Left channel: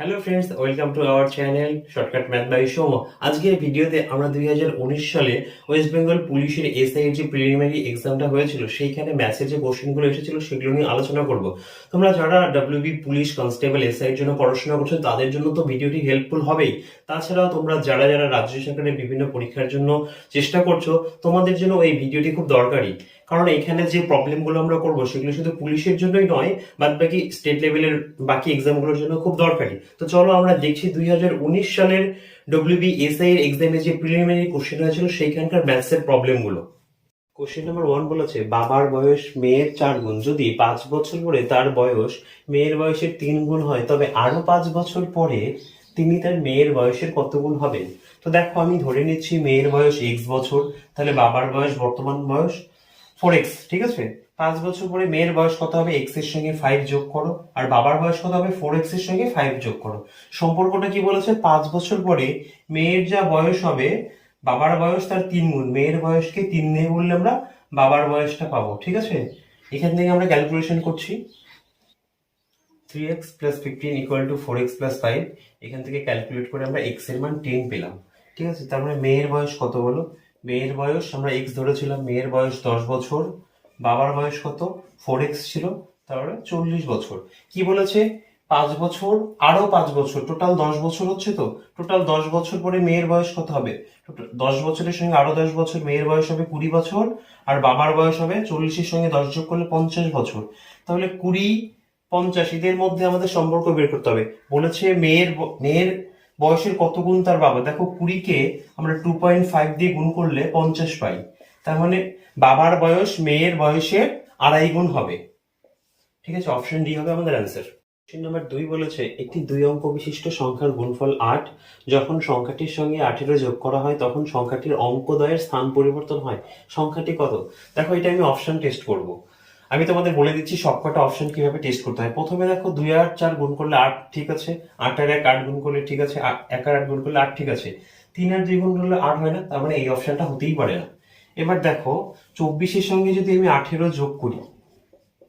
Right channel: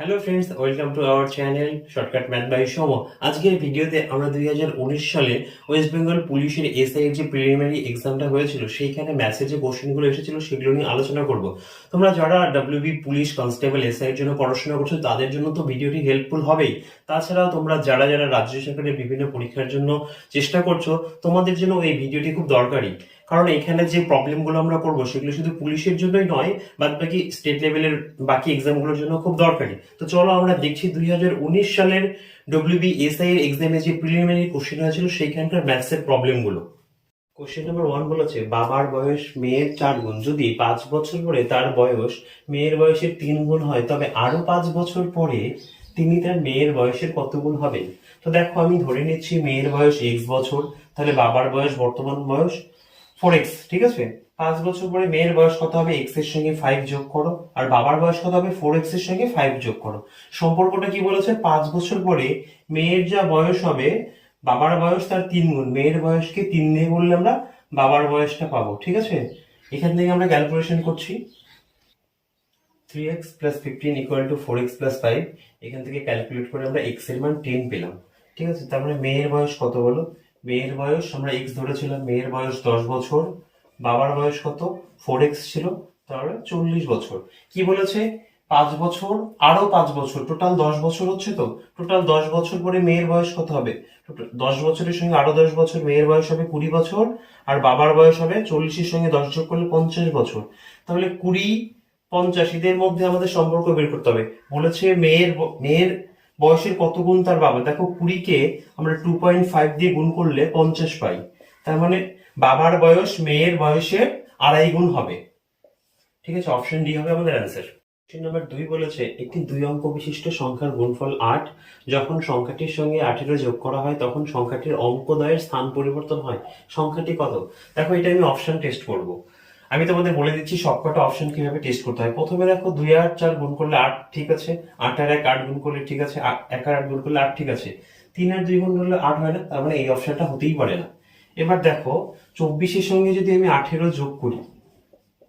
Hello friends, welcome to our channel shortcut math by Som. আজকের ভিডিওতে আমরা 2019 সালে ওয়েস্ট বেঙ্গল পুলিশের এসআই এর যে প্রিলিমিনারি এক্সামটা হয়েছিল সেইখানে ম্যাথসে যে কোশ্চেনগুলো এসেছিল সেগুলো নিয়ে আলোচনা করব। তোমরা যারা ডাব্লিউবি পুলিশ কনস্টেবল এসআই এর জন্য পড়াশোনা করছো তাদের জন্য তো ভিডিওটি হেল্পফুল হবেই। তাছাড়াও তোমরা যারা যারা রাজ্য সরকারের বিভিন্ন পরীক্ষার জন্য চেষ্টা করছো তোমাদের জন্য এই ভিডিওটি খুব দরকারি। কারণ এখানে যে প্রবলেমগুলো আমরা করবো সেগুলো শুধু পুলিশের জন্যই নয়, বাদ বাকি স্টেট লেভেলের বাকি এক্সামগুলোর জন্য খুব দরকারি। তো চলো আমরা দেখছি 2019 সালের ডব্লিউবিএসআই এর এক্সামে যে প্রিলিমিনারি কোশ্চেন হয়েছিল সেইখানকার ম্যাথসের প্রবলেমগুলো। কোশ্চেন নাম্বার 1 বলেছে, বাবার বয়স মেয়ের 4 গুণ, যদি 5 বছর পরে তার বয়স মেয়ের বয়সের 3 গুণ হয় তবে আরো 5 বছর পরে তিনি তার মেয়ের বয়সের কত গুণ হবেন। তো দেখো, আমি ধরে নিচ্ছি মেয়ের বয়স x বছর, তাহলে বাবার বয়স বর্তমান বয়স 4x, ঠিক আছে। 5 বছর পরে মেয়ের বয়স কত হবে, x এর সঙ্গে 5 যোগ করো, আর বাবার বয়স কত হবে, 4x এর সঙ্গে 5 যোগ করো। সম্পর্কটা কি বলেছে, 5 বছর পরে মেয়ের যা বয়স হবে বাবার বয়স তার 3 গুণ, মেয়ের বয়সকে 3 দিয়ে বললে আমরা বাবার বয়সটা পাবো, ঠিক আছে। এখান থেকে আমরা ক্যালকুলেশন করছি, 3x plus 15 equal to 4x plus 5। এখান থেকে ক্যালকুলেট করে আমরা x এর মান 10 পেলাম, ঠিক আছে। তার মানে মেয়ের বয়স কত হলো, মেয়ের বয়স আমরা x ধরেছিলাম, মেয়ের বয়স 10 বছর, বাবার বয়স কত 4x ছিল, তাহলে 40 বছর। কি বলেছে, 5 বছর আরো 5 বছর, টোটাল 10 বছর হচ্ছে। তো টোটাল 10 বছর পরে মেয়ের বয়স কত হবে, 10 বছরের সঙ্গে আরো 10 বছর, মেয়ের বয়স হবে 20 বছর, আর বাবার বয়স হবে 40-এর সঙ্গে 10 যোগ করলে 50 বছর। তাহলে 20-50 এদের মধ্যে আমাদের সম্পর্ক বের করতে হবে। বলেছে মেয়ের বয়সের কত গুণ তার বাবা। দেখো, 20-কে আমরা 2.5 দিয়ে গুণ করলে 50 পাই, তার মানে বাবার বয়স মেয়ের বয়সের 2.5 গুণ হবে, ঠিক আছে। অপশন ডি হবে আমাদের অ্যান্সার। কোশ্চেন নাম্বার 2 বলেছে, একটি 2 অঙ্ক বিশিষ্ট সংখ্যার গুণফল 8, যখন সংখ্যাটির সঙ্গে 18 যোগ করা হয় তখন সংখ্যাটির অঙ্কদ্বয়ের স্থান পরিবর্তন হয়, সংখ্যাটি কত। দেখো, এটা আমি অপশন টেস্ট করব। আমি তোমাদের বলে দিচ্ছি সবকটা অপশন কিভাবে টেস্ট করতে হয়। প্রথমে দেখো, 2 আর 4 গুণ করলে 8, ঠিক আছে। 8 আর 1 8 গুণ করলে ঠিক আছে, 1 আর 8 গুণ করলে 8, ঠিক আছে। 3 আর 2 গুণ করলে 8 হয় না, তার মানে এই অপশনটা হতেই পারে না। এবার দেখো, 24-এর সঙ্গে যদি আমি 18 যোগ করি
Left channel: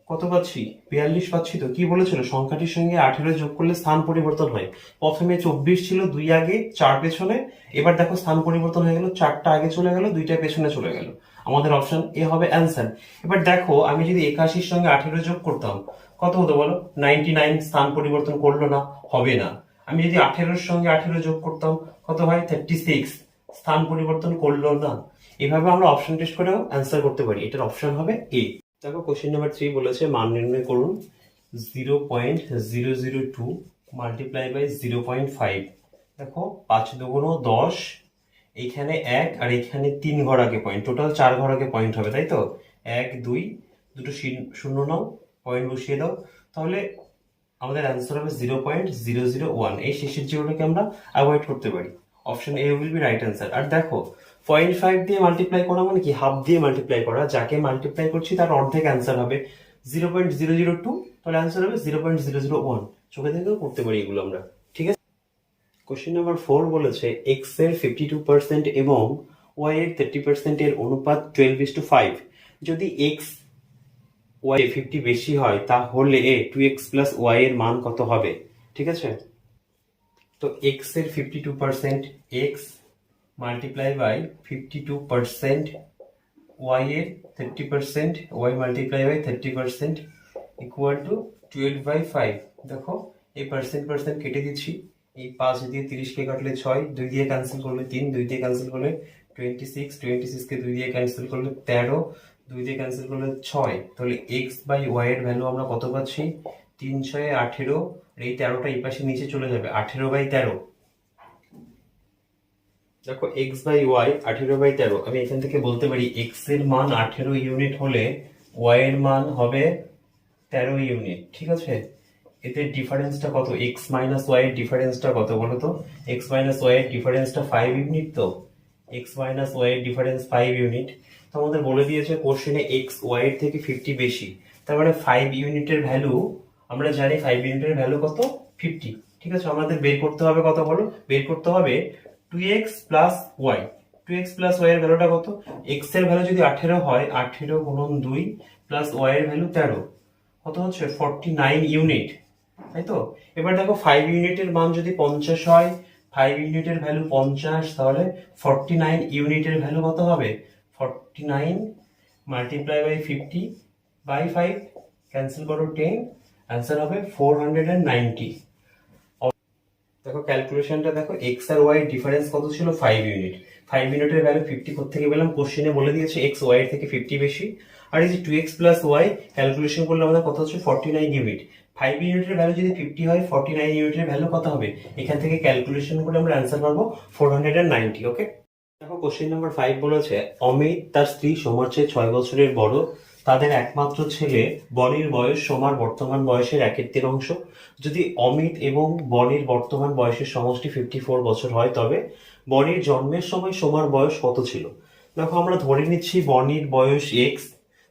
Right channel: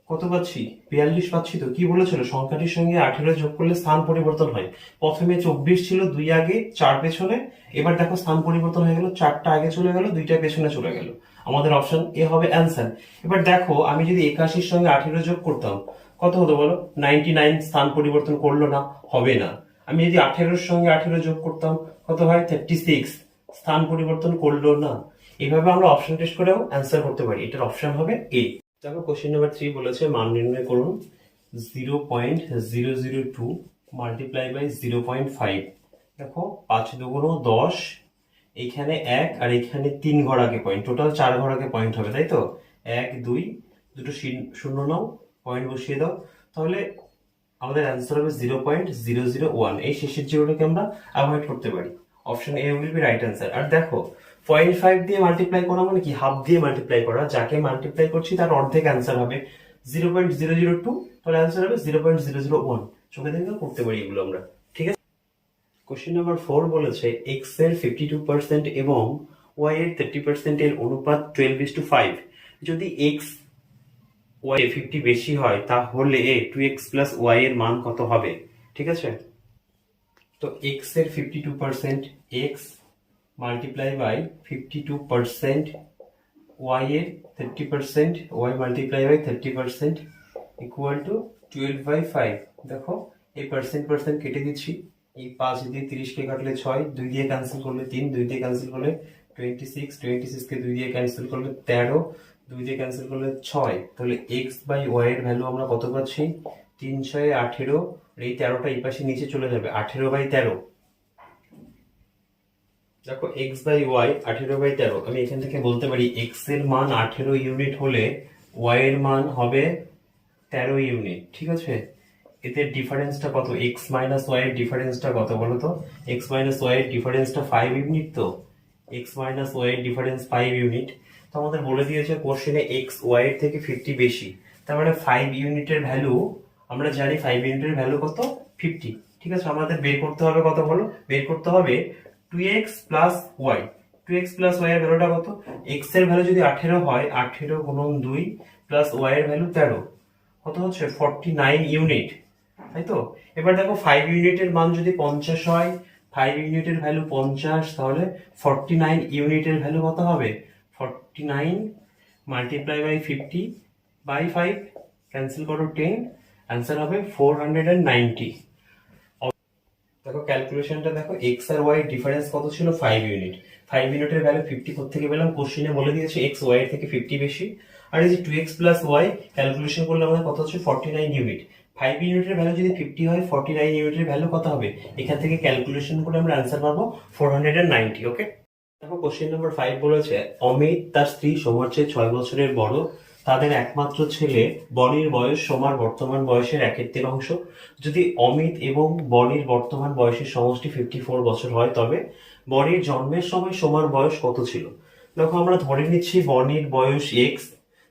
কত পাচ্ছি, 42 পাচ্ছি। তো কি বলেছিল, সংখ্যাটির সঙ্গে 18 যোগ করলে স্থান পরিবর্তন হয়। প্রথমে 24 ছিল, 2 আগে 4 পেছনে, এবার দেখো স্থান পরিবর্তন হয়ে গেল, 4টা আগে চলে গেল, 2টা পেছনে চলে গেল। আমাদের অপশন এ হবে অ্যান্সার। এবার দেখো, আমি যদি 81-র সঙ্গে 18 যোগ করতাম কত হতো বলো, 99। স্থান পরিবর্তন করলো না, হবে না। আমি যদি 18-র সঙ্গে 18 যোগ করতাম কত হয়, 36। স্থান পরিবর্তন করলো না। এভাবে আমরা অপশন টেস্ট করেও অ্যান্সার করতে পারি। এটার অপশন হবে এ। দেখো, কোশ্চেন নাম্বার 3 বলেছে, মান নির্ণয় করুন। 0.002 মাল্টিপ্লাই বাই 0.5। দেখো, 5 দুগুণ 10, এইখানে 1 আর এইখানে 3 ঘর আগে পয়েন্ট, টোটাল 4 ঘর আগে পয়েন্ট হবে, তাই তো। 1 2 দুটো শূন্য নাও, পয়েন্ট বসিয়ে দাও, তাহলে আমাদের অ্যান্সার হবে 0.001। এই শেষের যেগুলোকে আমরা অ্যাভয়েড করতে পারি। Option A will be right answer. আর দেখো, 0.5 দিয়ে মাল্টিপ্লাই করা মানে কি, হাফ দিয়ে মাল্টিপ্লাই করা, যাকে মাল্টিপ্লাই করছি তার অর্ধেক অ্যান্সার হবে 0.002, তাহলে অ্যান্সার হবে 0.001। চোখে দেখে করতে পারি এগুলো আমরা, ঠিক আছে। কোশ্চেন নাম্বার 4 বলেছে, এক্স এর 52% এবং ওয়াই এর 30% এর অনুপাত 12:5। যদি এক্স ওয়াই 50 বেশি হয় তাহলে 2x প্লাস ওয়াই এর মান কত হবে, ঠিক আছে। তো এক্স এর 52% এক্স মাল্টিপ্লাই বাই 52% ওয়াই এর 30%, Y multiply by 30% equal to 12/5। দেখো, এই পার্সেন্ট পার্সেন্ট কেটে দিচ্ছি, এই 5 দিয়ে 30 কে কাটলে 6, 2 দিয়ে ক্যান্সেল করলে 3, 2 দিয়ে ক্যান্সেল করলে 26, 26 কে 2 দিয়ে ক্যান্সেল করলে 13, 2 দিয়ে ক্যান্সেল করলে 6। তাহলে x বাই y এর ভ্যালু আমরা কত পাচ্ছি, 3 6 18, এই 13টা এই পাশে নিচে চলে যাবে, 18/13। দেখো, x বাই y 18/13, আমি এখান থেকে বলতে পারি x এর মান 18 ইউনিট হলে y এর মান হবে 13 ইউনিট, ঠিক আছে। এতে ডিফারেন্সটা কত, x মাইনাস y এর ডিফারেন্সটা কত বলো তো। x মাইনাস y এর ডিফারেন্সটা 5 ইউনিট। তো x মাইনাস y এর ডিফারেন্স 5 ইউনিট। তো আমাদের বলে দিয়েছে কোশ্চেনে x y এর থেকে 50 বেশি, তার মানে 5 ইউনিটের ভ্যালু, আমরা জানি 5 ইউনিটের ভ্যালু কত, 50, ঠিক আছে। আমাদের বের করতে হবে কত বলো, বের করতে হবে 2x plus y। 2x plus y এর ভ্যালুটা কত, x এর ভ্যালু যদি 18 হয়, 18 গুণন 2 প্লাস y এর ভ্যালু 13, কত হচ্ছে 49 ইউনিট। তাই তো? এবার দেখো 5 ইউনিটের মান যদি 50 হয়, 5 ইউনিটের ভ্যালু 50, তাহলে 49 ইউনিটের ভ্যালু কত হবে? 49 মাল্টিপ্লাই বাই 50 বাই 5, ক্যান্সেল করো 10, অ্যান্সার হবে 490। দেখো ক্যালকুলেশনটা দেখো, এক্স আর ওয়াই ডিফারেন্স কত ছিল? 5 ইউনিট। 5 ইউনিটের ভ্যালু 54 থেকে পেলাম, কোশ্চেনে বলে দিয়েছে এক্স ওয়াই এর থেকে 50 বেশি। আর এই যে 2x প্লাস ওয়াই ক্যালকুলেশন করলে আমাদের কত হচ্ছে? 49 ইউনিট। 5 ইউনিটের ভ্যালু যদি 50 হয়, 49 ইউনিটের ভ্যালু কত হবে? এখান থেকে ক্যালকুলেশন করে আমরা অ্যান্সার পাবো 490। ওকে, দেখো কোশ্চেন নাম্বার 5 বলেছে অমিত তার স্ত্রী সোমার চেয়ে 6 বছরের বড়, তাদের একমাত্র ছেলে বনির বয়স সোমার বর্তমান বয়সের 1/3 যদি অমিত এবং বনির বর্তমান বয়সের সমষ্টি 54 বছর হয়, তবে বনির জন্মের সময় সোমার বয়স কত ছিল? দেখো আমরা ধরে নিচ্ছি বনির বয়স এক্স,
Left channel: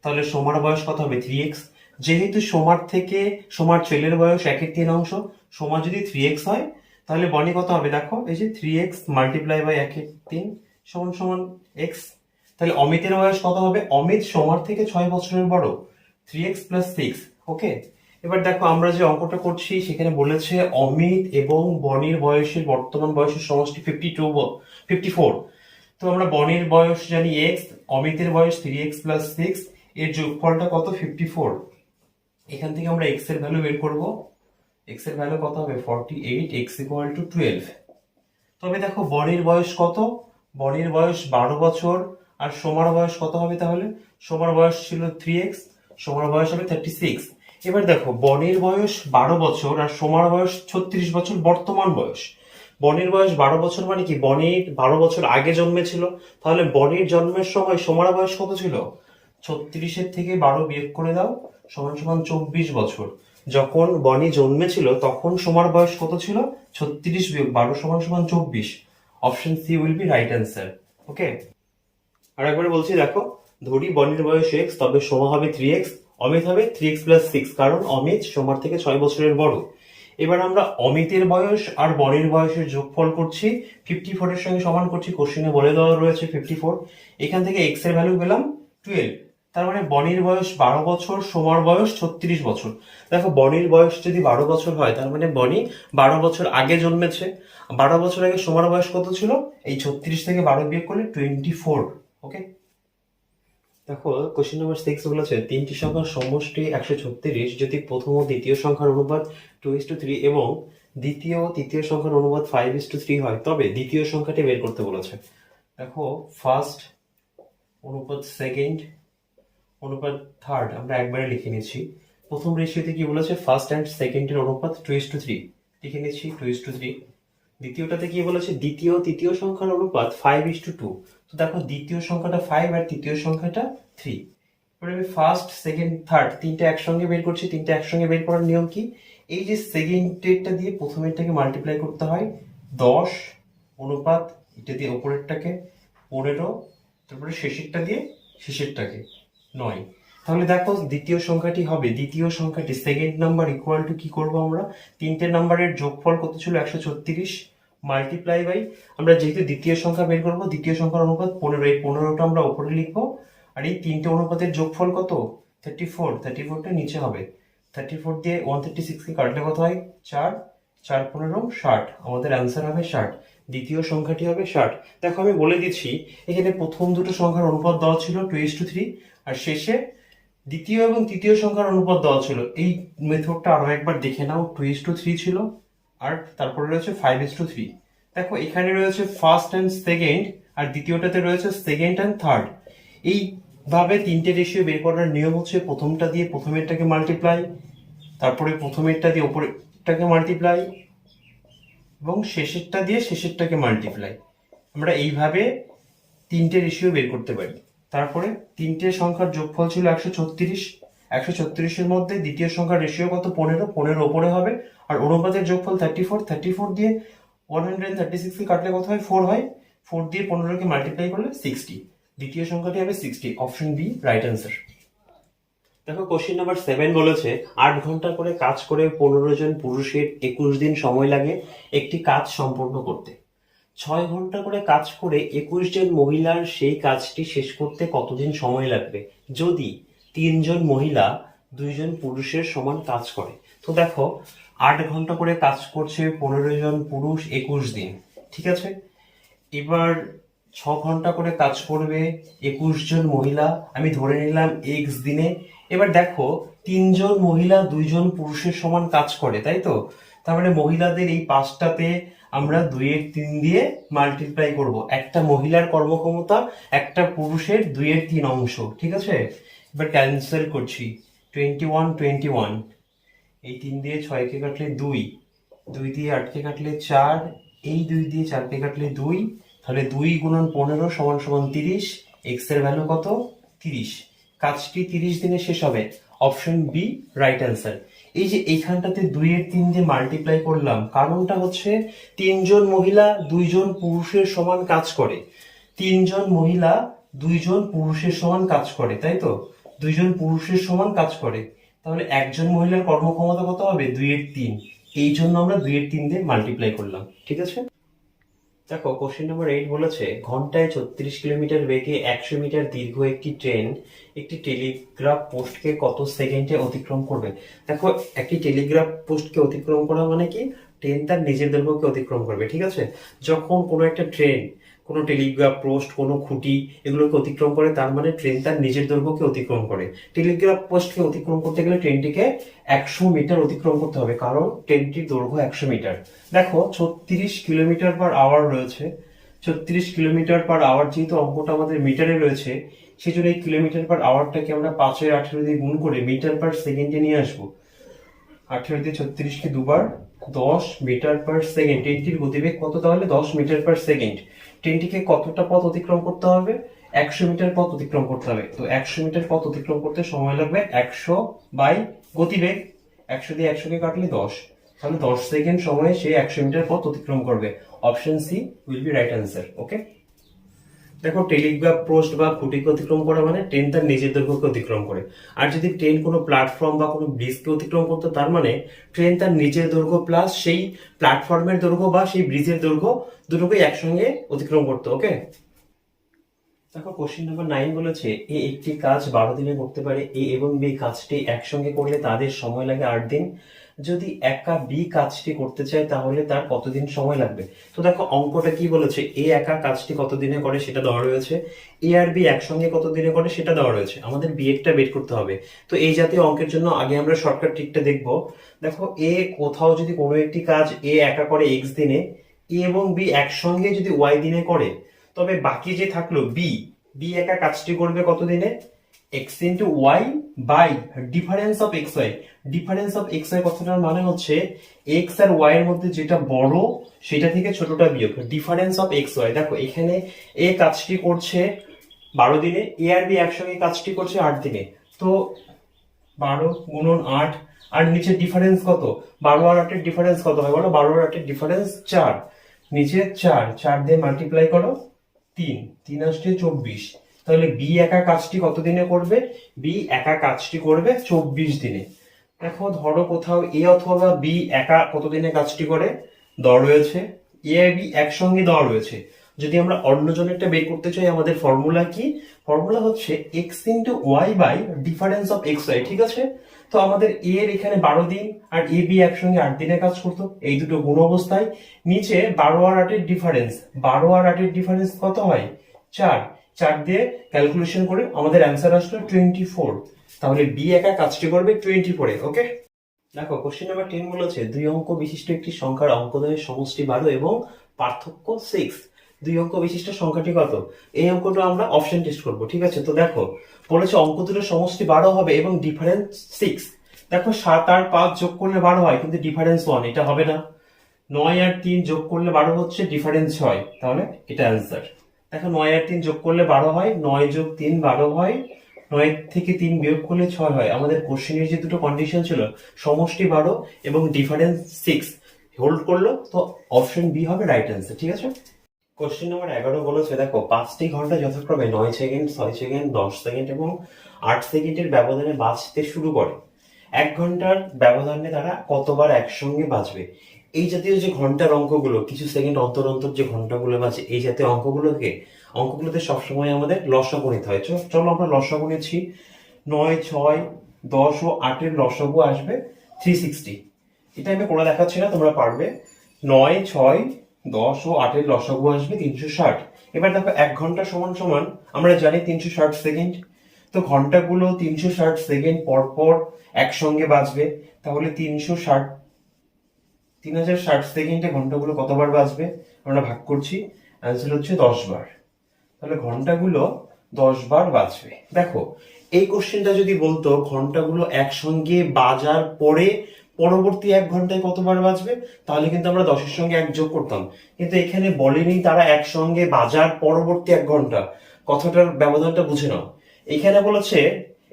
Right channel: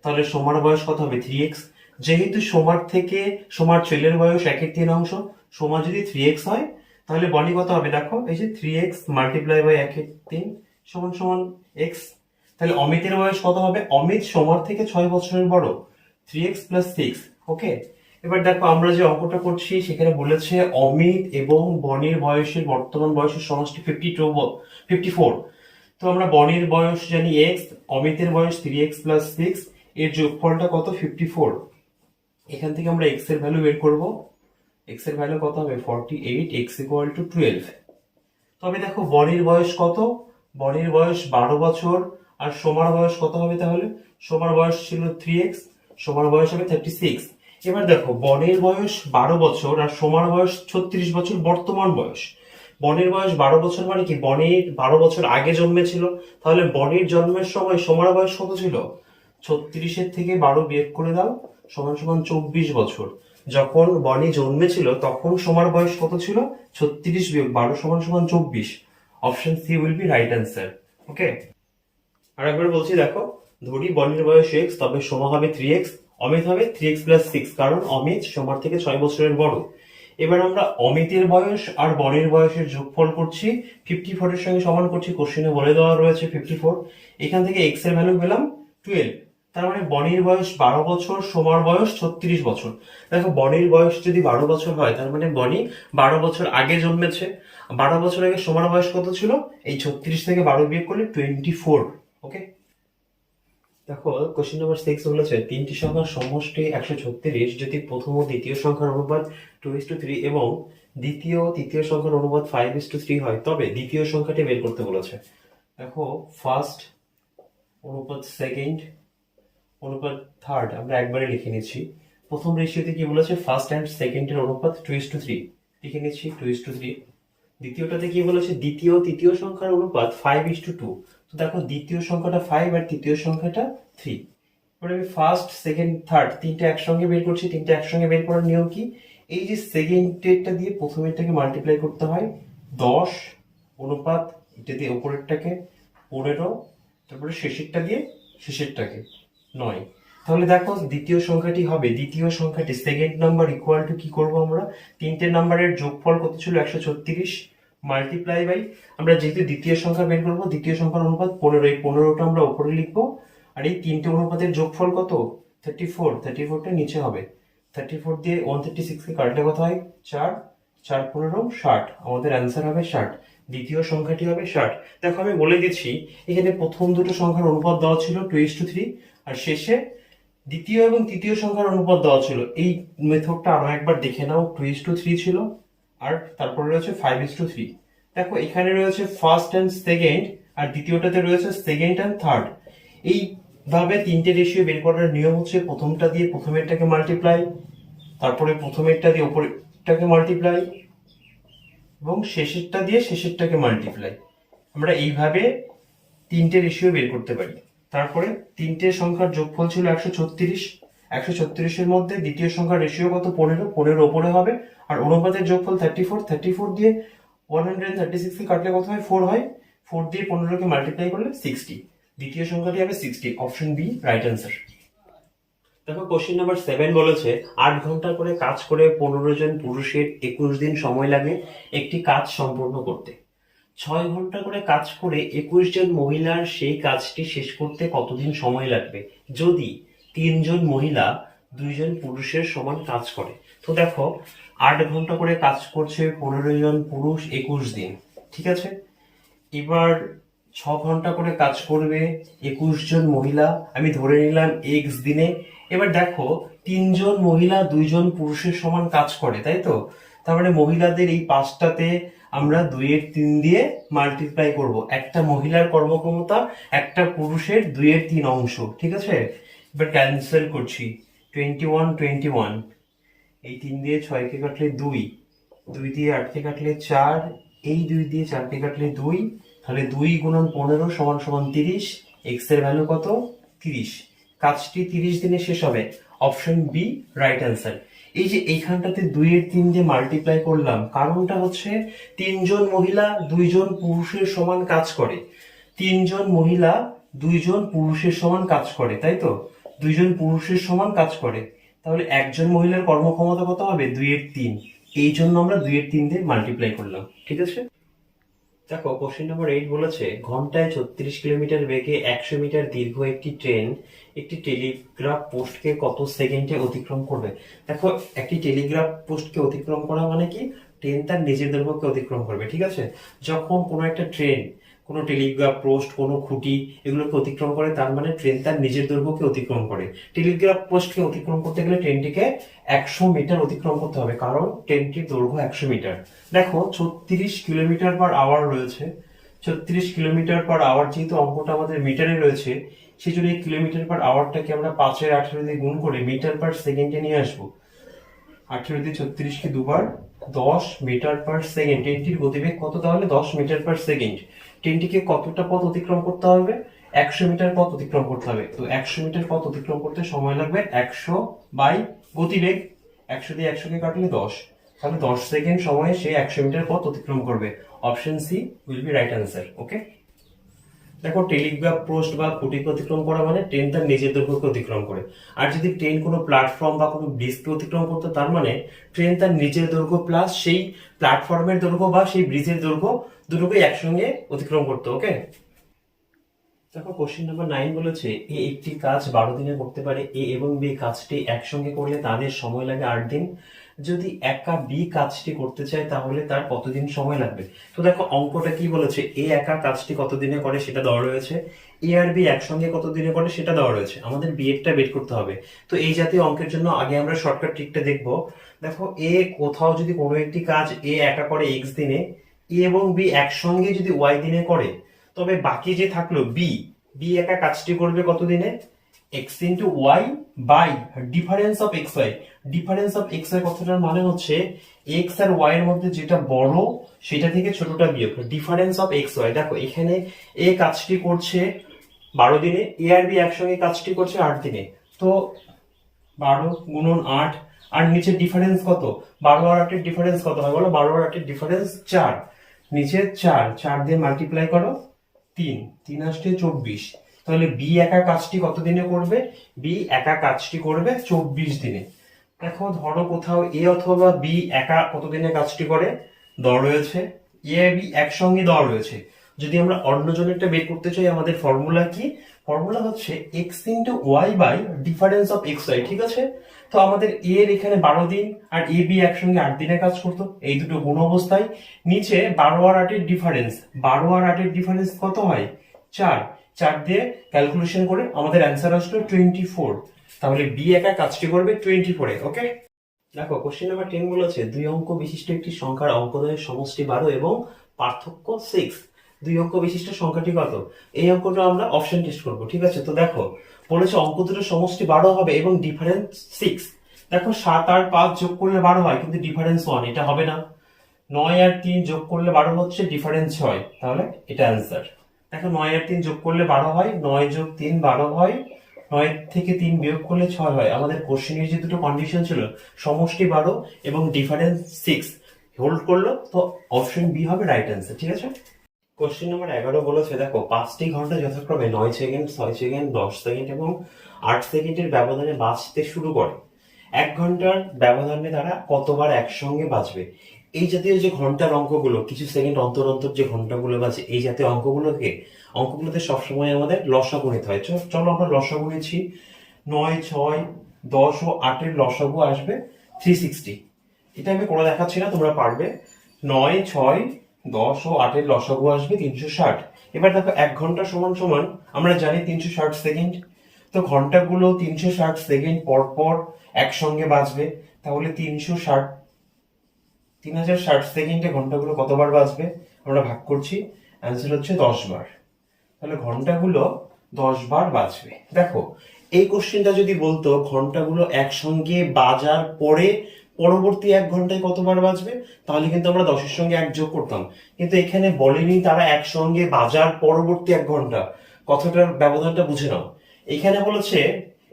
তাহলে সোমার বয়স কত হবে? 3x। যেহেতু সোমার থেকে সোমার ছেলের বয়স 1/3, সোমা যদি 3x হয়, তাহলে বনি কত হবে? দেখো এই যে 3x মাল্টিপ্লাই বাই 1/3 সমান সমান এক্স। তাহলে অমিতের বয়স কত হবে? অমিত সোমার থেকে 6 বছরের বড়, 3x প্লাস 6। ওকে, এবার দেখো আমরা যে অঙ্কটা করছি সেখানে বলেছে অমিত এবং বনির বয়সের বর্তমান বয়সের সমষ্টি 54। তো আমরা বনির বয়স জানি x, অমিতের বয়স 3x প্লাস 6, এর যোগফলটা কত? 54। এখান থেকে আমরা x এর ভ্যালু বের করব। x এর ভ্যালু কত হবে? 48, x ইকুয়াল টু 12। তবে দেখো বনির বয়স কত? বনির বয়স 12 বছর, আর সোমার বয়স কত হবে তাহলে? সোমার বয়স ছিল 3x, সোমার বয়স হবে 36। এবার দেখো বনির বয়স 12 বছর আর সোমার বয়স 36 বছর বর্তমান বয়স। বনির বয়স 12 বছর মানে কি? বনির 12 বছর আগে জন্মেছিল, তাহলে বনির জন্মের সময় সোমার বয়স কত ছিল? 36-এর থেকে 12 বিয়োগ করে দাও, সমান সমান 24 বছর। যখন বনি জন্মেছিল তখন সোমার বয়স কত ছিল? 36 বিয়োগ 12 সমান সমান 24। Option C will be right answer. Okay, আর একবার বলছি দেখো, ধরি বনির বয়স x, তবে সোমা হবে 3x, অমিত হবে 3x প্লাস 6, কারণ অমিত সোমার থেকে 6 বছরের বড়। এবার আমরা অমিতের বয়স আর বনির বয়সের যোগফল করছি, 54 এর সঙ্গে সমান করছি, কোশ্চেনে বলে দেওয়া রয়েছে 54। এখান থেকে x এর ভ্যালু পেলাম 12, তার মানে বনির বয়স 12 বছর, সোমার বয়স 36 বছর। দেখো বনির বয়স যদি 12 বছর হয়, তার মানে বনি 12 বছর আগে জন্মেছে। 12 বছর আগে সোমার বয়স কত ছিল? এই 36 থেকে 12 বিয়োগ করলে 24। ওকে, দেখো কোশ্চেন নাম্বার 6 বলেছে তিনটি সংখ্যার সমষ্টি 136 যদি প্রথম ও দ্বিতীয় সংখ্যার অনুপাত 2:3 এবং দ্বিতীয় ও তৃতীয় সংখ্যার অনুপাত 5:3 হয়, তবে দ্বিতীয় সংখ্যাটি বের করতে বলেছে। দেখো ফার্স্ট অনুপাত সেকেন্ড অনুপাত থার্ড আমরা একবারে লিখে নিচ্ছি। প্রথম রেশিওতে কি বলেছে? ফার্স্ট অ্যান্ড সেকেন্ডের অনুপাত 2:3 লিখে নিচ্ছি 2:3। দ্বিতীয়টাতে কি বলেছে? দ্বিতীয় তৃতীয় সংখ্যার অনুপাত 5:2। তো দেখো দ্বিতীয় সংখ্যাটা 5 আর তৃতীয় সংখ্যাটা 3। এবার আমি ফার্স্ট সেকেন্ড থার্ড তিনটা একসঙ্গে বের করছি। তিনটা একসঙ্গে বের করার নিয়ম কি? এই যে সেকেন্ডেরটা দিয়ে প্রথমেরটাকে মাল্টিপ্লাই করতে হয়, 10 অনুপাত এটা দিয়ে উপরেরটাকে 15, তারপরে শেষেরটা দিয়ে শেষেরটাকে 9। তাহলে দেখো দ্বিতীয় সংখ্যাটি হবে, দ্বিতীয় সংখ্যাটি সেকেন্ড নাম্বার ইকুয়াল টু কি করব আমরা? তিনটে নাম্বারের যোগফল কত ছিল? 136 মাল্টিপ্লাই বাই, আমরা যেহেতু দ্বিতীয় সংখ্যা বের করবো, দ্বিতীয় সংখ্যার অনুপাত 15, এই 15টা আমরা উপরে লিখবো। আর এই তিনটে অনুপাতের যোগফল কত? 34, 34টা নিচে হবে। 34 দিয়ে 136 কে কাটলে কত হয়? 4, 4 15 60, আমাদের অ্যান্সার হবে 60। দ্বিতীয় সংখ্যাটি হবে 60। দেখো আমি বলে দিচ্ছি, এখানে প্রথম দুটো সংখ্যার অনুপাত দেওয়া ছিল 2:3, আর শেষে দ্বিতীয় এবং তৃতীয় সংখ্যার অনুপাত দেওয়া ছিল। এই মেথডটা আরো একবার দেখে নাও, 2:3 ছিল, আর তারপরে রয়েছে 5:3। দেখো এখানে রয়েছে ফার্স্ট অ্যান্ড সেকেন্ড, আর দ্বিতীয়টাতে রয়েছে সেকেন্ড অ্যান্ড থার্ড। এইভাবে তিনটে রেশিও বের করার নিয়ম হচ্ছে প্রথমটা দিয়ে প্রথমেরটাকে মাল্টিপ্লাই, তারপরে প্রথমেরটা দিয়ে উপরেরটাকে মাল্টিপ্লাই, এবং শেষেরটা দিয়ে শেষেরটাকে মাল্টিপ্লাই। আমরা এইভাবে তিনটে রেশিও বের করতে পারি। তারপরে তিনটে সংখ্যার যোগফল ছিল 136। 136-এর মধ্যে দ্বিতীয় সংখ্যার রেশিও কত? 15, 15 ওপরে হবে, আর অনুপাতের যোগফল 34। 34 দিয়ে 136 কে কাটলে কত হয়? 4 হয়। 4 দিয়ে 15কে মাল্টিপ্লাই করলে 60। দ্বিতীয় সংখ্যাটি হবে 60। Option B right answer. দেখো কোশ্চেন নাম্বার 7 বলেছে 8 ঘন্টা করে কাজ করে 15 জন পুরুষের 21 দিন সময় লাগে একটি কাজ সম্পূর্ণ করতে। 6 ঘন্টা করে কাজ করে 21 জন মহিলার সেই কাজটি শেষ করতে কতদিন সময় লাগবে যদি 3 জন মহিলা 2 জন পুরুষের সমান কাজ করে? তো দেখো 8 ঘন্টা করে কাজ করছে 15 জন পুরুষ 21 দিন, ঠিক আছে। এবার 6 ঘন্টা করে কাজ করবে 21 জন মহিলা, আমি ধরে নিলাম এক্স দিনে। এবার দেখো 3 জন মহিলা 2 জন পুরুষের সমান কাজ করে, তাই তো। তার মানে মহিলাদের এই 5টাতে আমরা 2/3 দিয়ে মাল্টিপ্লাই করব। একটা মহিলার কর্মক্ষমতা একটা পুরুষের 2/3 অংশ, ঠিক আছে। এবার ক্যান্সেল করছি, 21 21, এই 3 দিয়ে 6কে কাটলে 2, 2 দিয়ে 8কে কাটলে 4, এই 2 দিয়ে 4কে কাটলে 2, তাহলে 2 গুণন 15 সমান সমান 30। এক্স এর ভ্যালু কত? 30। কাজটি 30 দিনে শেষ হবে। Option B right answer. এই যে এইখানটাতে 2/3 দিয়ে মাল্টিপ্লাই করলাম, কারণটা হচ্ছে 3 জন মহিলা 2 জন পুরুষের সমান কাজ করে। 3 জন মহিলা 2 জন পুরুষের সমান কাজ করে, তাই তো। 2 জন পুরুষের সমান কাজ করে, তাহলে একজন মহিলার কর্মক্ষমতা কত হবে? 2/3। এই জন্য আমরা 2/3 দিয়ে মাল্টিপ্লাই করলাম, ঠিক আছে। দেখো কোশ্চেন নাম্বার 8 বলেছে ঘন্টায় 36 কিলোমিটার বেগে 100 মিটার দীর্ঘ একটি ট্রেন একটি টেলিগ্রাফ পোস্টকে কত সেকেন্ডে অতিক্রম করবে। দেখো একটি টেলিগ্রাফ পোস্টকে অতিক্রম করা মানে কি, ট্রেন তার নিজের দৈর্ঘ্যকে অতিক্রম করবে, ঠিক আছে। যখন কোনো একটা ট্রেন কোনো টেলিগ্রাফ পোস্ট কোনো খুঁটি এগুলোকে অতিক্রম করে, তার মানে ট্রেন তার নিজের দৈর্ঘ্যকে অতিক্রম করে। টেলিগ্রাফ পোস্টকে অতিক্রম করতে গেলে ট্রেনটিকে 100 মিটার অতিক্রম করতে হবে, কারণ ট্রেনটির দৈর্ঘ্য 100 মিটার। দেখো 36 কিলোমিটার/আওয়ার রয়েছে, 36 কিলোমিটার/আওয়ার যেহেতু অঙ্কটা আমাদের মিটারে রয়েছে, সেই জন্য এই কিলোমিটার/আওয়ারটাকে আমরা 5/18 দিয়ে গুণ করে মিটার/সেকেন্ডে নিয়ে আসবো। 18 দিয়ে 36কে দুবার, 10 মিটার/সেকেন্ড। ট্রেনটির গতিবেগ কত তাহলে? 10 মিটার/সেকেন্ড। ট্রেনটিকে কতটা পথ অতিক্রম করতে হবে? 100 মিটার পথ অতিক্রম করতে হবে। তো 100 মিটার পথ অতিক্রম করতে সময় লাগবে 100 বাই গতিবেগ। 100 দিয়ে 100কে কাটলে 10, তাহলে 10 সেকেন্ড সময়ে সে 100 মিটার পথ অতিক্রম করবে। Option C will be right answer. Okay. দেখো টেলিগ্রাফ পোস্ট বা খুঁটিকে অতিক্রম করা মানে ট্রেন তার নিজের দৈর্ঘ্যকে অতিক্রম করে। আর যদি ট্রেন কোনো প্ল্যাটফর্ম বা কোনো ব্রিজকে অতিক্রম করতো, তার মানে ট্রেন তার নিজের দৈর্ঘ্য প্লাস সেই প্ল্যাটফর্মের দৈর্ঘ্য বা সেই ব্রিজের দৈর্ঘ্য দুটোকেই একসঙ্গে অতিক্রম করতো। ওকে। দেখো কোশ্চেন নাম্বার 9 বলেছে এ একটি কাজ 12 দিনে করতে পারে, এ এবং বি কাজটি একসঙ্গে করলে তাদের সময় লাগে 8 দিন। যদি একা বি কাজটি করতে চায় তাহলে তার কতদিন সময় লাগবে। তো দেখো অঙ্কটা কি বলেছে, এ একা কাজটি কত দিনে করে সেটা দেওয়া রয়েছে, এ আর বি একসঙ্গে কত দিনে করে সেটা দেওয়া রয়েছে। আমাদের বি এরটা বের করতে হবে। তো এই জাতীয় অঙ্কের জন্য আগে আমরা শর্টকাট ট্রিকটা দেখবো। দেখো এ কোথাও যদি কোনো একটি কাজ এ একা করে এক্স দিনে, এ এবং বি একসঙ্গে যদি ওয়াই দিনে করে, তবে বাকি যে থাকলো বি, বি একা কাজটি করবে কত দিনে? X into Y by difference of X Y. Difference of X Y কথাটার মানে হচ্ছে এক্স আর ওয়াই এর মধ্যে যেটা বড় সেটা থেকে ছোটটা বিয়োগ, ডিফারেন্স অফ এক্স ওয়াই। দেখো এখানে এ কাজটি করছে 12 দিনে, এ আর বি একসঙ্গে কাজটি করছে 8 দিনে। তো 12 গুণন 8, আর নিচে ডিফারেন্স কত? 12 আর 8 এর ডিফারেন্স কত হয় বলো? 12 আর 8 এর ডিফারেন্স 4, নিচে 4, 4 দিয়ে মাল্টিপ্লাই করো 3, 3 আসছে 24। তাহলে বি একা কাজটি কত দিনে করবে? বি একা কাজটি করবে 24 দিনে। দেখো ধরো কোথাও এ অথবা বি একা কত দিনে কাজটি করে দেওয়া রয়েছে, এ বি একসঙ্গে দেওয়া রয়েছে। যদি আমরা অন্য জনেরটা বের করতে চাই, আমাদের ফর্মুলা কি? ফর্মুলা হচ্ছে X into Y by difference of X Y, ঠিক আছে। তো আমাদের এ এর এখানে 12 দিন আর এ বি একসঙ্গে 8 দিনে কাজ করতো, এই দুটো গুণ অবস্থায়। নিচে 12 আর 8 এর ডিফারেন্স, 12 আর 8 এর ডিফারেন্স কত হয়? 4, 4 দিয়ে ক্যালকুলেশন করে আমাদের অ্যান্সার আসলো 24। তাহলে বি একা কাজটি করবে 24 এ। ওকে। দেখো কোশ্চেন নাম্বার 10 বলেছে 2 অঙ্ক বিশিষ্ট একটি সংখ্যার অঙ্কদ্বয়ের সমষ্টি 12 এবং পার্থক্য 6। 2 অঙ্ক বিশিষ্ট সংখ্যাটি কত? এই অঙ্কটা আমরা অপশন টেস্ট করব, ঠিক আছে। তো দেখো বলেছে অঙ্ক দুটোর সমষ্টি 12 হবে এবং ডিফারেন্স 6। দেখো 7 আর 5 যোগ করলে 12 হয়, কিন্তু ডিফারেন্স 1, এটা হবে না। 9 আর 3 যোগ করলে 12 হচ্ছে, ডিফারেন্স 6, তাহলে এটা অ্যান্সার। দেখো 9 আর 3 যোগ করলে 12 হয়, 9 যোগ 3 12 হয়, 9 থেকে 3 বিয়োগ করলে 6 হয়। আমাদের কোশ্চেনের যে দুটো কন্ডিশন ছিল, সমষ্টি 12 এবং ডিফারেন্স 6 হোল্ড করলো, তো অপশন বি হবে রাইট অ্যান্সার, ঠিক আছে। কোশ্চেন নাম্বার 11 বলেছে দেখো 5টি ঘন্টা যথাক্রমে 9 সেকেন্ড 6 সেকেন্ড 10 সেকেন্ড এবং 8 সেকেন্ডের ব্যবধানে বাজতে শুরু করে। 1 ঘন্টার ব্যবধানে তারা কতবার একসঙ্গে বাজবে। এই জাতীয় যে ঘন্টার অঙ্কগুলো, কিছু সেকেন্ড অন্তর অন্তর যে ঘন্টাগুলো বাজে, এই জাতীয় অঙ্কগুলোতে সবসময় আমাদের লসাগু নিতে হয়। চলো আমরা লসাগু নিচ্ছি। 9 6 10 ও 8 এর লসাগু আসবে 360। এটা আমি করে দেখাচ্ছি না, তোমরা পারবে। 9, 6, 10 ও 8 এর লসাগু আসবে 360। এবার দেখো 1 ঘন্টা সমান সমান আমরা জানি 360 সেকেন্ড। তো ঘন্টাগুলো 360 সেকেন্ড পর পর একসঙ্গে বাজবে, তাহলে 3060 সেকেন্ডে ঘন্টাগুলো কতবার বাজবে আমরা ভাগ করছি, অ্যান্সার হচ্ছে 10 বার। তাহলে ঘন্টাগুলো 10 বার বাজবে। দেখো এই কোশ্চেনটা যদি বলতো ঘন্টাগুলো একসঙ্গে বাজার পরে পরবর্তী 1 ঘন্টায় কতবার বাজবে, তাহলে কিন্তু আমরা 10 এর সঙ্গে 1 যোগ করতাম। কিন্তু এখানে বলেনি তারা একসঙ্গে বাজার পরবর্তী 1 ঘন্টা, কথাটার ব্যবধানটা বুঝে নাও। এখানে বলেছে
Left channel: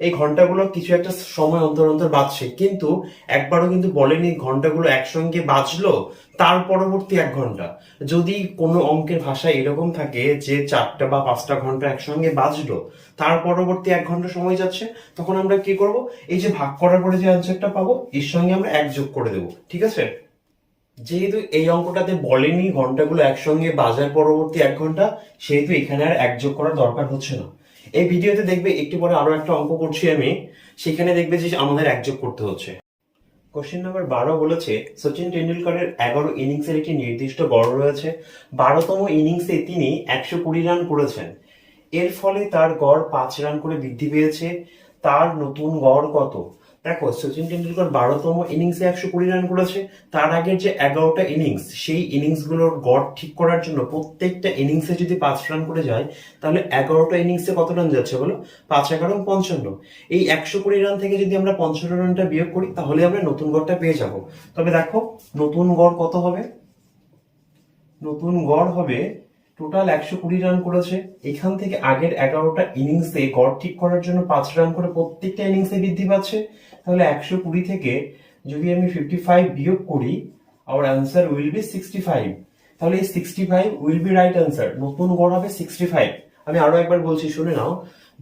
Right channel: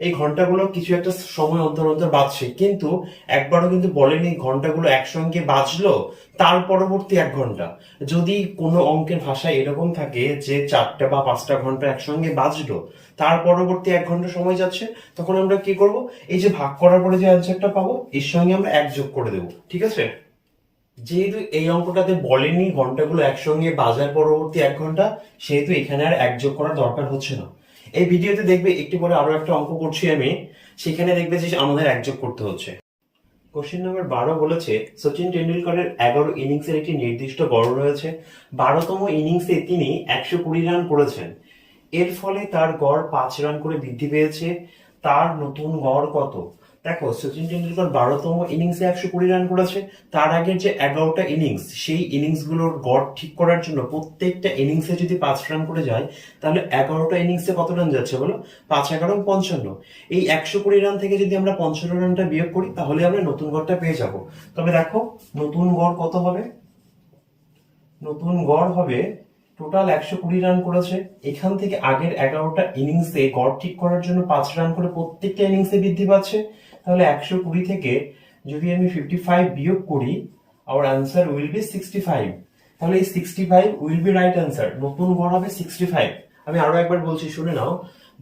এই ঘন্টাগুলো কিছু একটা সময় অন্তর অন্তর বাজছে, কিন্তু একবারও কিন্তু বলেনি ঘন্টাগুলো একসঙ্গে বাজলো তার পরবর্তী 1 ঘন্টা। যদি কোনো অঙ্কের ভাষায় এরকম থাকে যে 4টা বা 5টা ঘন্টা একসঙ্গে বাজলো তার পরবর্তী 1 ঘন্টা সময় যাচ্ছে, তখন আমরা কি করব, এই যে ভাগ করার পরে যে অ্যান্সারটা পাবো এর সঙ্গে আমরা 1 যোগ করে দেবো, ঠিক আছে। যেহেতু এই অঙ্কটাতে বলেনি ঘন্টাগুলো একসঙ্গে বাজার পরবর্তী 1 ঘন্টা, সেহেতু এখানে আর 1 যোগ করার দরকার হচ্ছে না। এই ভিডিওতে দেখবে একটু পরে আরো একটা অঙ্ক করছি আমি, সেখানে দেখবে যে আমাদের 1 যোগ করতে হচ্ছে। কোশ্চেন নাম্বার 12 বলেছে সচিন টেন্ডুলকারের 11 ইনিংসের একটি নির্দিষ্ট গড় রয়েছে। 12তম ইনিংসে তিনি 120 রান করেছেন। এর ফলে তার গড় 5 রান করে বৃদ্ধি পেয়েছে। তার নতুন গড় কত? দেখো সচিন টেন্ডুলকার 12তম ইনিংসে 120 রান করেছে। তার আগের যে 11টা ইনিংস, সেই ইনিংসগুলোর গড় ঠিক করার জন্য প্রত্যেকটা ইনিংসে যদি 5 রান করে যায়, তাহলে 11টা ইনিংসে কত রান যাচ্ছে বলো? 5 11 55। এই 120 রান থেকে যদি আমরা 55 রানটা বিয়োগ করি, তাহলে আমরা নতুন গড়টা পেয়ে যাব। তবে দেখো নতুন গড় কত হবে? নতুন গড় হবে, টোটাল 120 রান করেছে, এখান থেকে আগের 11টা ইনিংসে গড় ঠিক করার জন্য 5 রান করে প্রত্যেকটা ইনিংসে বৃদ্ধি পাচ্ছে। তাহলে 120 থেকে যদি আমি 55 বিয়োগ করি, আওয়ার অ্যান্সার উইল বি 65। তাহলে এই 65 উইল বি রাইট অ্যান্সার, নতুন গড় হবে 65। আমি আরো একবার বলছি, শুনে নাও।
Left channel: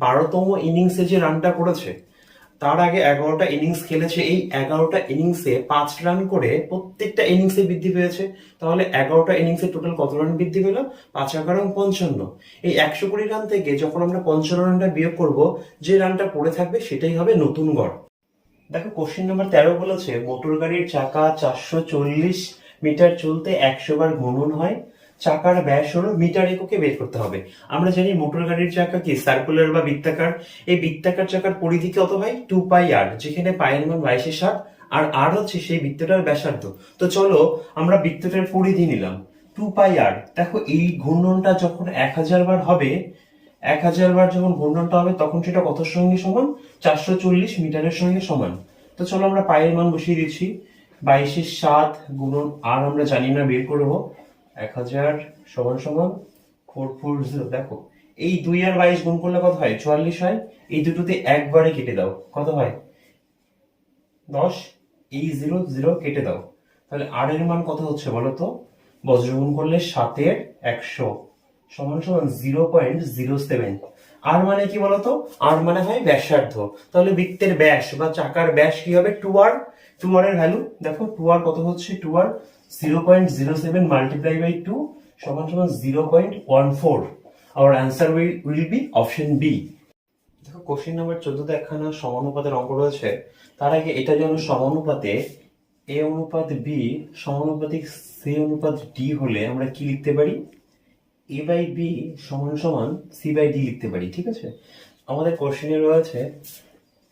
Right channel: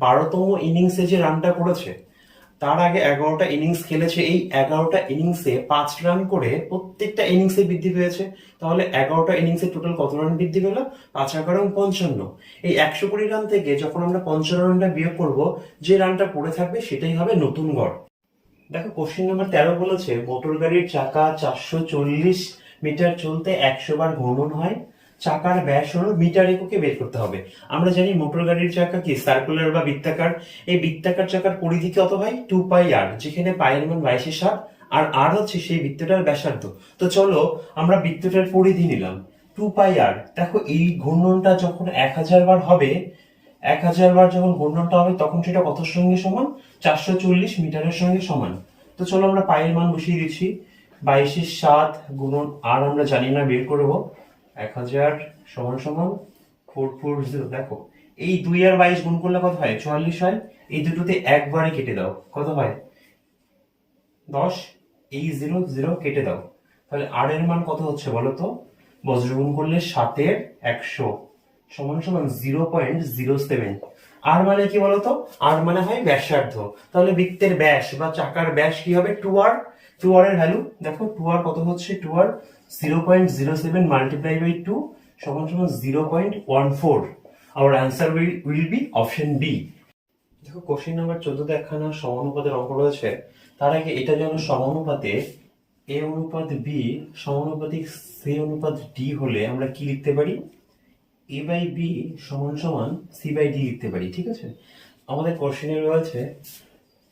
12তম ইনিংসে যে রানটা করেছে, তার আগে 11টা ইনিংস খেলেছে, এই 11টা ইনিংসে 5 রান করে প্রত্যেকটা ইনিংসে বৃদ্ধি পেয়েছে। তাহলে 11টা ইনিংসে টোটাল কত রান বৃদ্ধি পেল? 5 11 55। এই 120 রান থেকে যখন আমরা 55 রানটা বিয়োগ করব, যে রানটা পড়ে থাকবে সেটাই হবে নতুন গড়। দেখো কোশ্চেন নাম্বার 13 বলেছে মোটর গাড়ির চাকা 440 মিটার চলতে 100 বার ঘূর্ণন হয়, চাকার ব্যাস হলো মিটার এককে বের করতে হবে। আমরা জানি মোটর গাড়ির চাকা কি সার্কুলার বা বৃত্তাকার। এই বৃত্তাকার চাকার পরিধি কত হয়? 2 পাই আর, যেখানে পায়ের মান 22/7 আর আর হচ্ছে সেই বৃত্তটার ব্যাসার্ধ। তো চলো আমরা বৃত্তটার পরিধি নিলাম 2 পাই আর। দেখো এই ঘূর্ণনটা যখন 1000 বার হবে, 1000 বার যখন ঘূর্ণনটা হবে, তখন সেটা কত সঙ্গে সমান? 440 মিটারের সঙ্গে সমান। তো চলো আমরা পায়ের মান বসিয়ে দিচ্ছি, 22/7 গুণন আর আমরা জানি না, বের করবো 1000 সমান সমান 440। দেখো এই 2 আর 22 গুণ করলে কত হয়? 44 হয়। এই দুটোতে একবারে কেটে দাও, কত হয়? 10। এই 0 0 কেটে দাও, তাহলে আর এর মান কত হচ্ছে বলো তো? বজ্র গুণ করলে 7 এর 100 সমান সমান 0.07। আর মানে কি বলতো? আর মানে হয় ব্যাসার্ধ। তাহলে বৃত্তের ব্যাস বা চাকার ব্যাস কি হবে? 2r। 2r এর ভ্যালু দেখো, 2r কত হচ্ছে? 2r 0.07 মাল্টিপ্লাই বাই 2 সমান সমান 0.14। Our answer will be option B. দেখো কোশ্চেন নাম্বার 14তে একখানা সমানুপাতের অঙ্ক রয়েছে। তার আগে এটা যেন সমানুপাতে এ অনুপাত বি সমানুপাতিক সি অনুপাত ডি হলে আমরা কি লিখতে পারি? এ বাই বি সমান সমান সি বাই ডি লিখতে পারি, ঠিক আছে। আমাদের কোশ্চেনে রয়েছে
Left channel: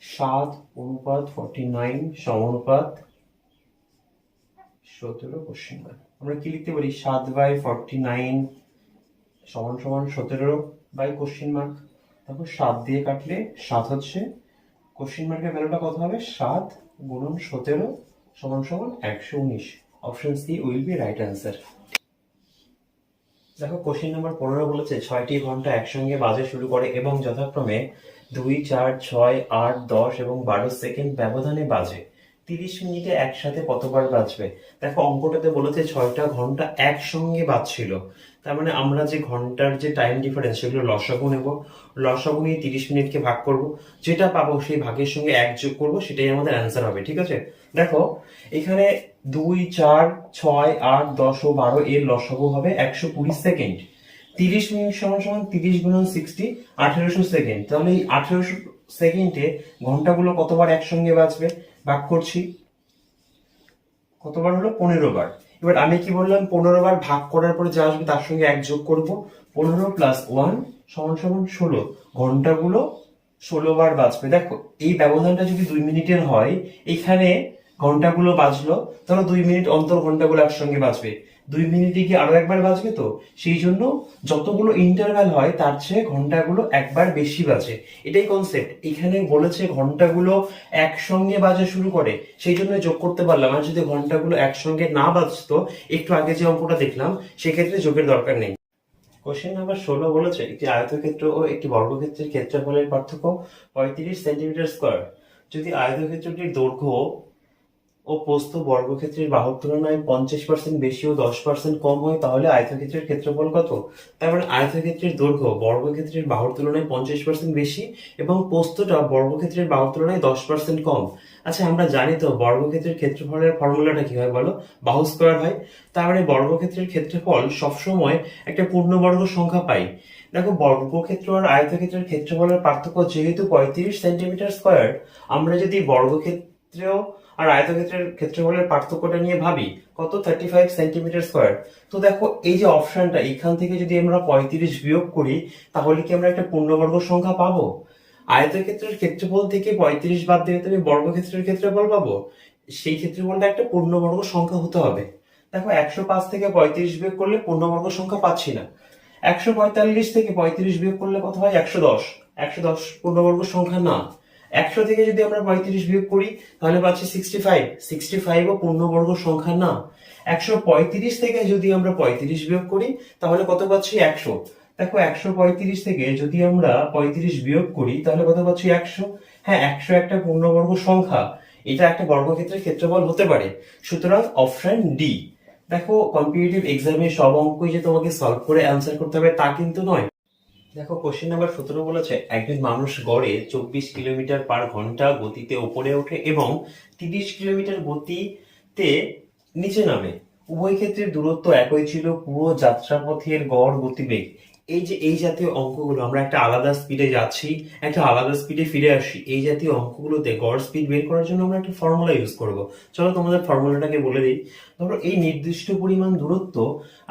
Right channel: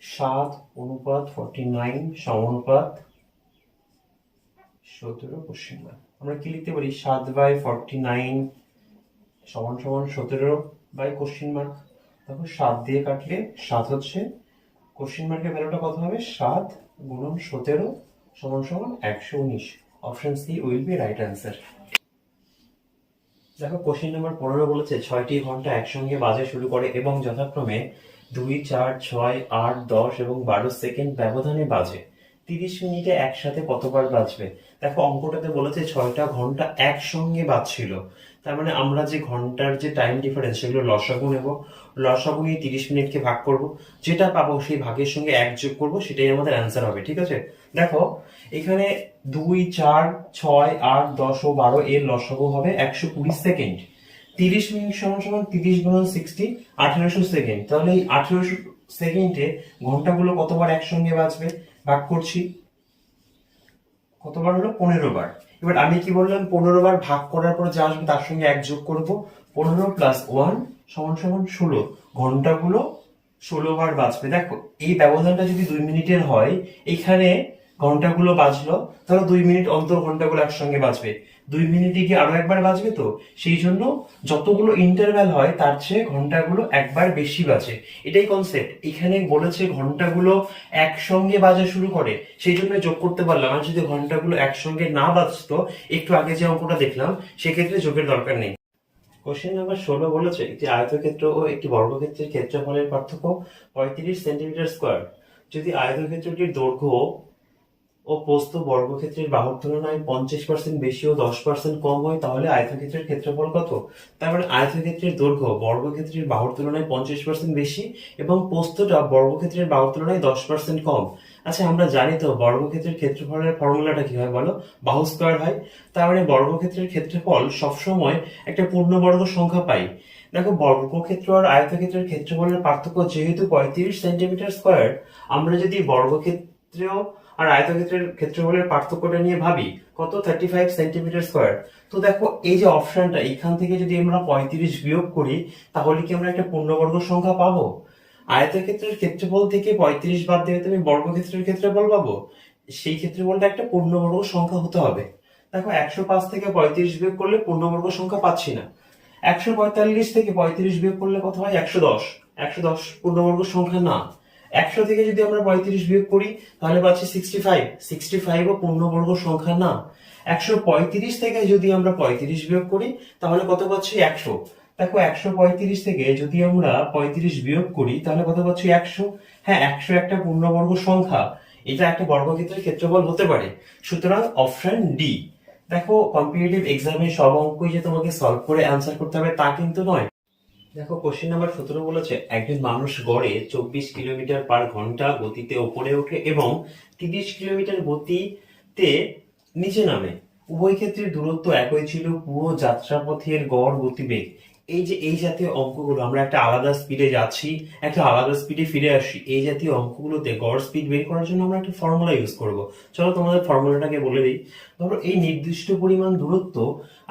7:49 সমানুপাত 17। কোশ্চেন আমরা কি লিখতে পারি? 7/49 সমান সমান 17 বাই কোশ্চেন মার্ক। দেখো 7 দিয়ে কাটলে 7 হচ্ছে, কোশ্চেন মার্কের ভ্যালুটা কত হবে? 7 গুণন 17 সমান সমান 119। Option C will be right answer. দেখো কোশ্চেন নাম্বার 15 বলেছে 6টি ঘন্টা একসঙ্গে বাজে শুরু করে এবং যথাক্রমে 2 4 6 8 10 এবং 12 সেকেন্ড ব্যবধানে বাজে। 30 মিনিটে একসাথে কতবার বাজবে? দেখো অঙ্কটাতে বলেছে 6টা ঘন্টা একসঙ্গে বাজছিল, তার মানে আমরা যে ঘন্টার যে টাইম ডিফারেন্স সেগুলো লসাগু নেব, লসাগু নিয়ে 30 মিনিটকে ভাগ করব, যেটা পাবো সেই ভাগের সঙ্গে 1 যোগ করব, সেটাই আমাদের অ্যান্সার হবে, ঠিক আছে। দেখো এখানে 2 4 6 8 10 ও 12 এর লসাগু হবে 120 সেকেন্ড। 30 মিনিট সমান সমান 30 গুণন 60 1800 সেকেন্ড। তাহলে এই 1800 সেকেন্ডে ঘন্টাগুলো কতবার একসঙ্গে বাজবে? ভাগ করছি, কতবার হলো? 15 বার। এবার আমি কি বললাম, 15 বার ভাগ করার পরে যা আসবে তার সঙ্গে 1 যোগ করব। 15 + 1 সমান সমান 16। ঘন্টাগুলো 16 বার বাজবে। দেখো এই ব্যবধানটা যদি 2 মিনিটের হয়, এখানে ঘন্টাগুলো বাজলো, ধরো 2 মিনিট অন্তর ঘন্টাগুলো একসঙ্গে বাজবে। 2 মিনিটে কি আরো একবার বাজবে, তো সেই জন্য যতগুলো ইন্টারভ্যাল হয় তার চেয়ে ঘন্টাগুলো একবার বেশি বাজে। এটাই কনসেপ্ট। এখানে বলেছে ঘন্টাগুলো একসঙ্গে বাজা শুরু করে, সেই জন্য যোগ করতে পারলাম। আর যদি ঘন্টাগুলো একসঙ্গে না বাজতো, একটু আগে যে অঙ্কটা দেখলাম, সেক্ষেত্রে যোগের দরকার নেই। কোশ্চেন নাম্বার 16 বলেছে একটি আয়তক্ষেত্র ও একটি বর্গক্ষেত্রের ক্ষেত্রফলের পার্থক্য 35 সেন্টিমিটার স্কোয়ার। যদি আয়তক্ষেত্রটির দৈর্ঘ্য ও প্রস্থ বর্গক্ষেত্রের বাহুর তুলনায় 50% বেশি ও 10% কম হয়, তাহলে আয়তক্ষেত্রের ক্ষেত্রফল কত? তার মানে আয়তক্ষেত্রের দৈর্ঘ্য বর্গক্ষেত্রের বাহুর তুলনায় 50% বেশি এবং প্রস্থটা বর্গক্ষেত্রের বাহুর তুলনায় 10% কম। আচ্ছা, আমরা জানি তো বর্গক্ষেত্রের ক্ষেত্রফলের ফর্মুলাটা কি হয় বলো? বাহু স্কয়ার হয়। তার মানে বর্গক্ষেত্রের ক্ষেত্রফল সবসময় একটা পূর্ণবর্গ সংখ্যা পাই। দেখো বর্গক্ষেত্র আর আয়তক্ষেত্রের ক্ষেত্রফলের পার্থক্য যেহেতু 35 সেন্টিমিটার স্কোয়ার, আমরা যদি বর্গক্ষেত্রেও আর আয়তক্ষেত্রের ক্ষেত্রফলের পার্থক্যটা নিয়ে ভাবি, কত? 35 সেন্টিমিটার স্কোয়ার। তো দেখো এই যে অপশনটা, এখান থেকে যদি আমরা 35 বিয়োগ করি, তাহলে কি আমরা একটা পূর্ণবর্গ সংখ্যা পাবো? আয়তক্ষেত্রের ক্ষেত্রফল থেকে 35 বাদ দিলে তুমি বর্গক্ষেত্রের ক্ষেত্রফল পাবো। সেই ক্ষেত্রফলটা একটা পূর্ণবর্গ সংখ্যা হতে হবে। দেখো 105 থেকে 35 বিয়োগ করলে পূর্ণবর্গ সংখ্যা পাচ্ছি না। 145 থেকে 35 বিয়োগ করলে কত হয়? 110। 110 পূর্ণবর্গ সংখ্যা না। 100 থেকে যদি আমরা 35 বিয়োগ করি, তাহলে পাচ্ছি 65। 65 ও পূর্ণবর্গ সংখ্যা না। 135 থেকে যদি আমরা 35 বিয়োগ করি, তাহলে কত পাচ্ছি? 100। দেখো 135 থেকে যদি আমরা 35 বিয়োগ করি, তাহলে কত পাচ্ছি? 100। হ্যাঁ, 100 একটা পূর্ণবর্গ সংখ্যা, এটা একটা বর্গক্ষেত্রের ক্ষেত্রফল হতে পারে। সুতরাং অপশন ডি। দেখো কম্পিটিটিভ এক্সামে সব অঙ্কই যে তোমাকে সলভ করে অ্যান্সার করতে হবে তা কিন্তু নয়। দেখো কোশ্চেন নাম্বার 17 বলেছে একজন মানুষ গড়ে 24 কিলোমিটার/ঘন্টা গতিতে উপরে ওঠে এবং 30 কিলোমিটার গতিতে নিচে নামে। উভয় ক্ষেত্রে দূরত্ব একই ছিল, পুরো যাত্রাপথের গড় গতিবেগ। এই যে এই জাতীয় অঙ্কগুলো, আমরা একটা আলাদা স্পিডে যাচ্ছি, একটা আলাদা স্পিডে ফিরে আসি, এই জাতীয় অঙ্কগুলোতে গড় স্পিড বের করার জন্য আমরা একটা ফর্মুলা ইউজ করব। চলো তোমাদের ফর্মুলাটাকে বলে দিই। ধরো এই নির্দিষ্ট পরিমাণ দূরত্ব